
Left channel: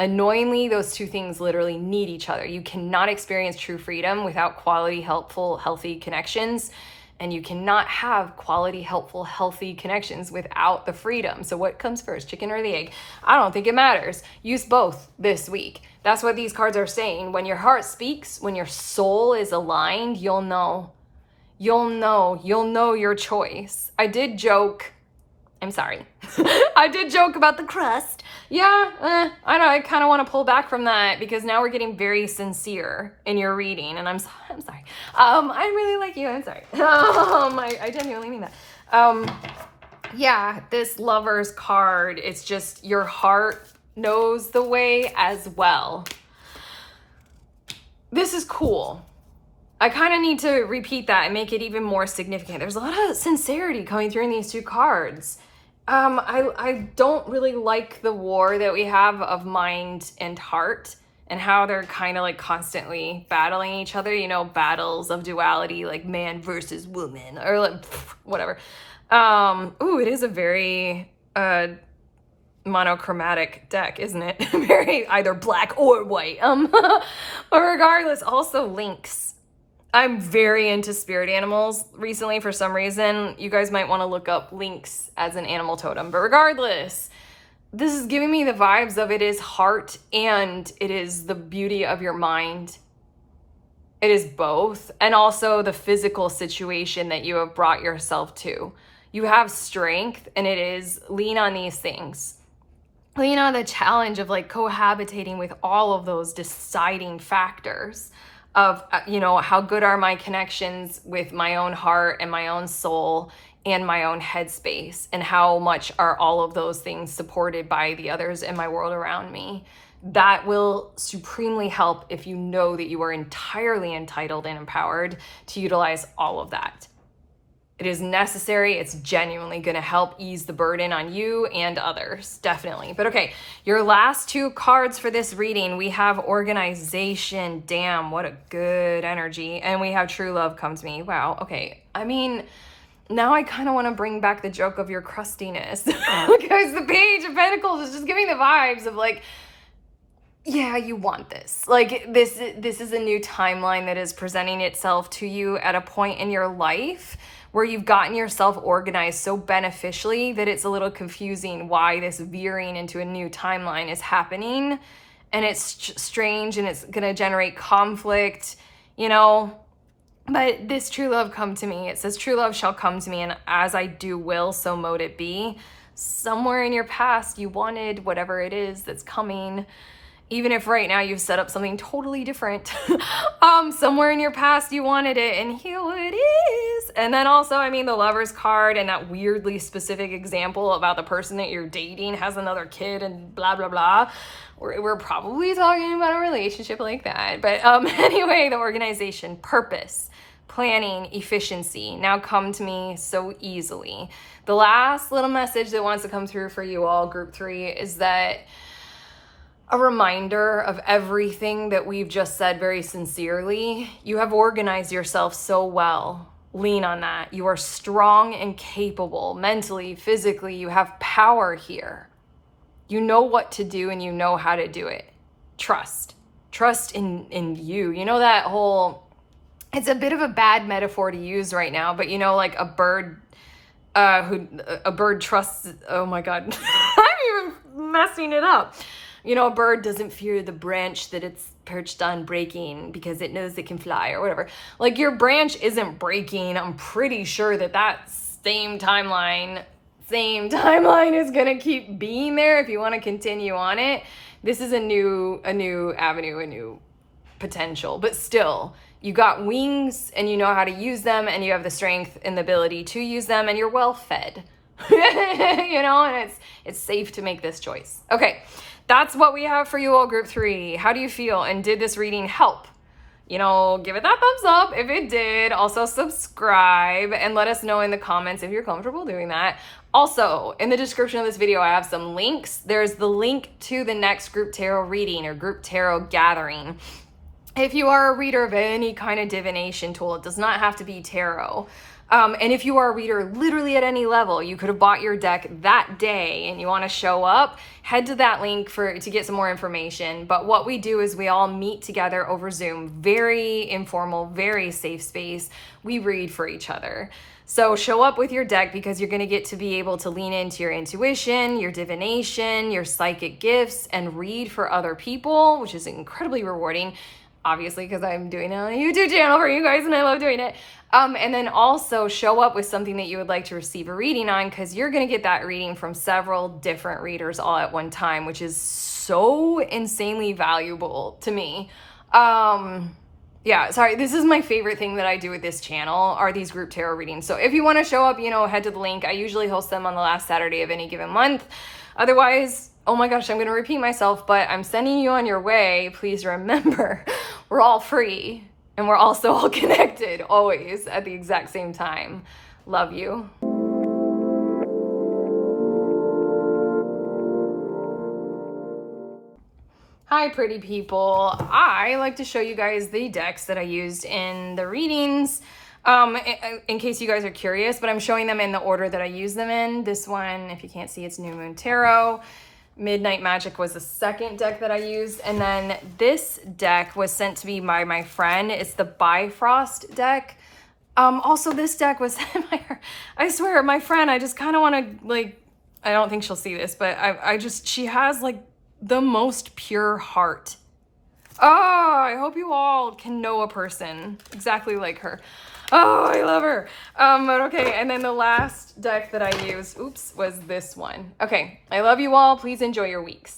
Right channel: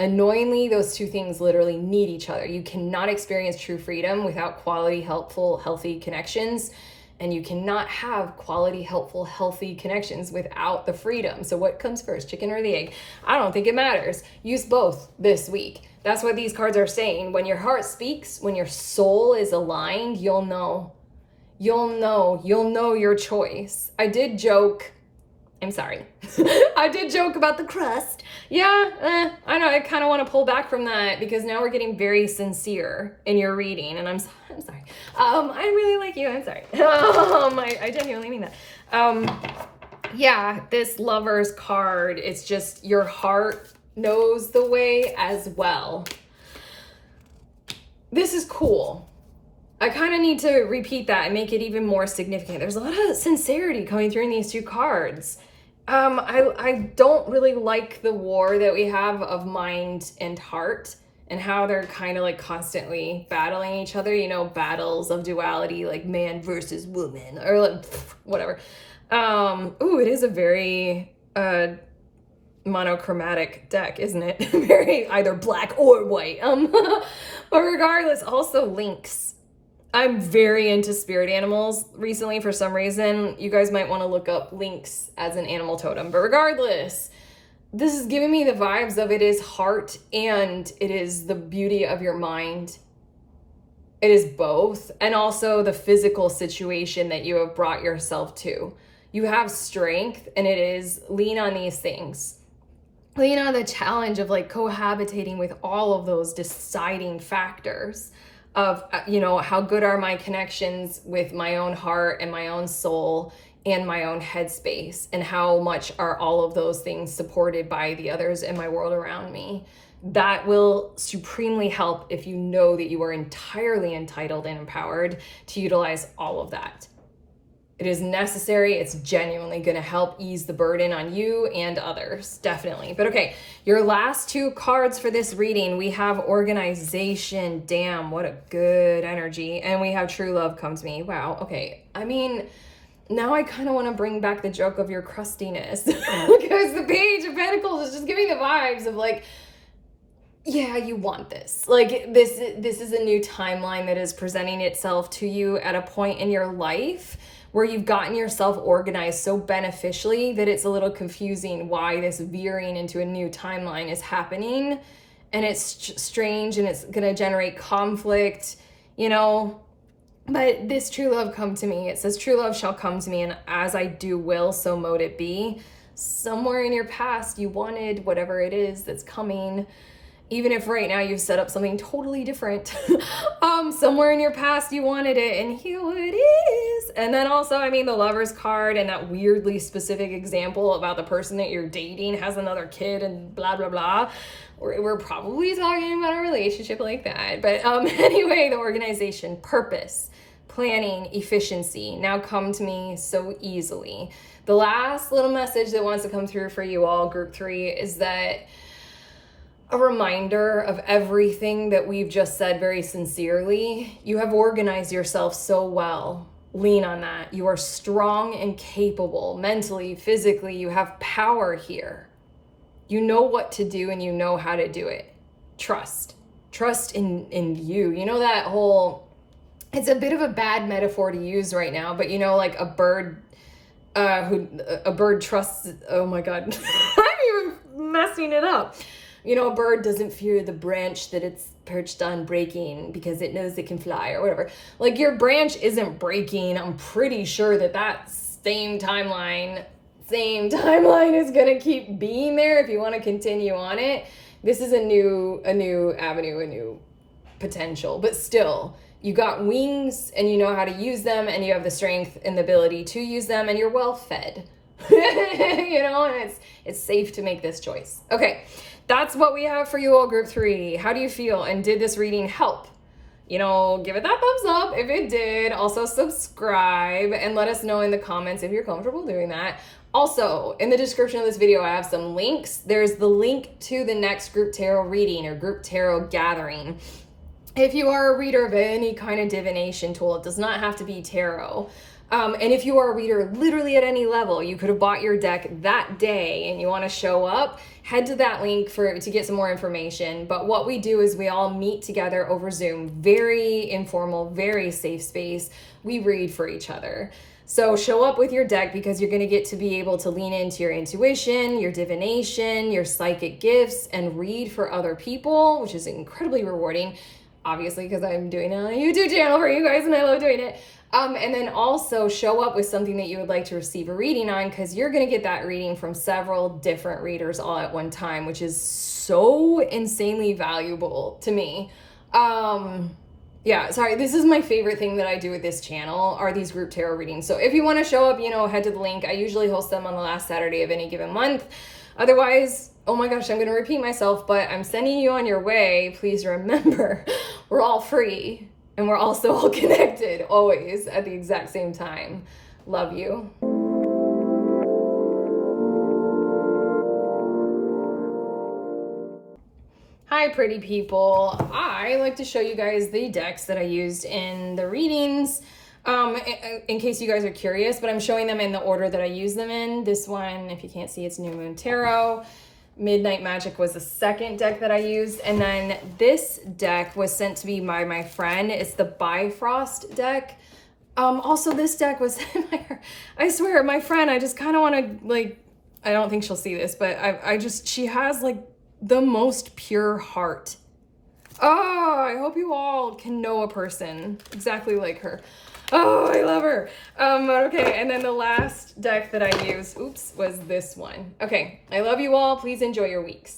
Annoyingly, those two things literally need each other. You cannot experience true freedom without quality, helpful, healthy connections. And you cannot have quality, helpful, healthy connections without the freedom. So what comes first, chicken or the egg? I don't think it matters. Use both this week. That's what these cards are saying. When your heart speaks, when your soul is aligned, you'll know. You'll know your choice. I did joke. I'm sorry. I did joke about the crust. Yeah, I know. I kind of want to pull back from that because now we're getting very sincere in your reading, and I'm sorry. I really like you. I'm sorry. I genuinely mean that. Yeah, this Lover's card. It's just your heart knows the way as well. This is cool. I kind of need to repeat that and make it even more significant. There's a lot of sincerity coming through in these two cards. I don't really like the war that we have of mind and heart and how they're kind of like constantly battling each other, you know, battles of duality, like man versus woman or like whatever. Ooh, it is a very monochromatic deck, isn't it? Very either black or white. But regardless, also links. I'm very into spirit animals recently for some reason. You guys might want to look up lynx as an animal totem. But regardless, this is giving me the vibes of it is heart and it is the beauty of your mind. It is both. And also the physical situation that you have brought yourself to. You have strength and it is lean on these things. Lean on the challenge of like cohabitating with all of those deciding factors. Of, you know, how good are my connections with my own heart and my own soul and my own headspace, and how much are all of those things supported by the others in my world around me. That will supremely help if you know that you are entirely entitled and empowered to utilize all of that. It is necessary. It's genuinely going to help ease the burden on you and others, definitely. But okay, your last two cards for this reading, we have organization. Damn, what a good energy. And we have true love come to me. Wow, okay. I mean, now I kind of want to bring back the joke of your crustiness because the Page of Pentacles is just giving the vibes of like, yeah, you want this. Like this is a new timeline that is presenting itself to you at a point in your life where you've gotten yourself organized so beneficially that it's a little confusing why this veering into a new timeline is happening. And it's strange and it's going to generate conflict, you know. But this true love come to me. It says true love shall come to me, and as I do will, so mote it be. Somewhere in your past you wanted whatever it is that's coming. Even if right now you've set up something totally different, somewhere in your past you wanted it, and here it is. And then also, I mean, the Lover's card and that weirdly specific example about the person that you're dating has another kid and blah, blah, blah. We're probably talking about a relationship like that. But anyway, the organization, purpose, planning, efficiency now come to me so easily. The last little message that wants to come through for you all, group 3, is that a reminder of everything that we've just said very sincerely. You have organized yourself so well. Lean on that. You are strong and capable mentally, physically. You have power here. You know what to do and you know how to do it. Trust in you. You know that whole, it's a bit of a bad metaphor to use right now, but you know, like a bird trusts, oh my God, I'm even messing it up. You know, a bird doesn't fear the branch that it's perched on breaking because it knows it can fly or whatever. Like your branch isn't breaking. I'm pretty sure that same timeline is going to keep being there if you want to continue on it. This is a new avenue, a new potential, but still you got wings and you know how to use them and you have the strength and the ability to use them and you're well fed, you know, and it's safe to make this choice. Okay. that's what we have for you all, group 3. How do you feel? And did this reading help? You know, give it that thumbs up if it did. Also subscribe and let us know in the comments if you're comfortable doing that. Also, in the description of this video, I have some links. There's the link to the next group tarot reading or group tarot gathering. If you are a reader of any kind of divination tool, it does not have to be tarot. And if you are a reader literally at any level, you could have bought your deck that day and you want to show up, head to that link to get some more information. But what we do is we all meet together over Zoom, very informal, very safe space. We read for each other. So show up with your deck because you're going to get to be able to lean into your intuition, your divination, your psychic gifts, and read for other people, which is incredibly rewarding. Obviously, because I'm doing it on a YouTube channel for you guys and I love doing it. And then also show up with something that you would like to receive a reading on, because you're going to get that reading from several different readers all at one time, which is so insanely valuable to me. Yeah, sorry, this is my favorite thing that I do with this channel are these group tarot readings. So if you want to show up, you know, head to the link. I usually host them on the last Saturday of any given month. Otherwise, oh my gosh, I'm going to repeat myself, but I'm sending you on your way. Please remember, we're all free and we're also all connected always at the exact same time. Love you. Hi, pretty people. I like to show you guys the decks that I used in the readings. In case you guys are curious, but I'm showing them in the order that I use them in. This one, if you can't see, it's New Moon Tarot. Midnight Magic was the second deck that I used. And then this deck was sent to me by my friend. It's the Bifrost deck. Also, this deck was, I swear, my friend, I just kind of want to, like, I don't think she'll see this, but she has, like, the most pure heart. Oh, I hope you all can know a person exactly like her. Oh, I love her. Okay, and then the last deck that I used, was this one. Okay, I love you all. Please enjoy your weeks.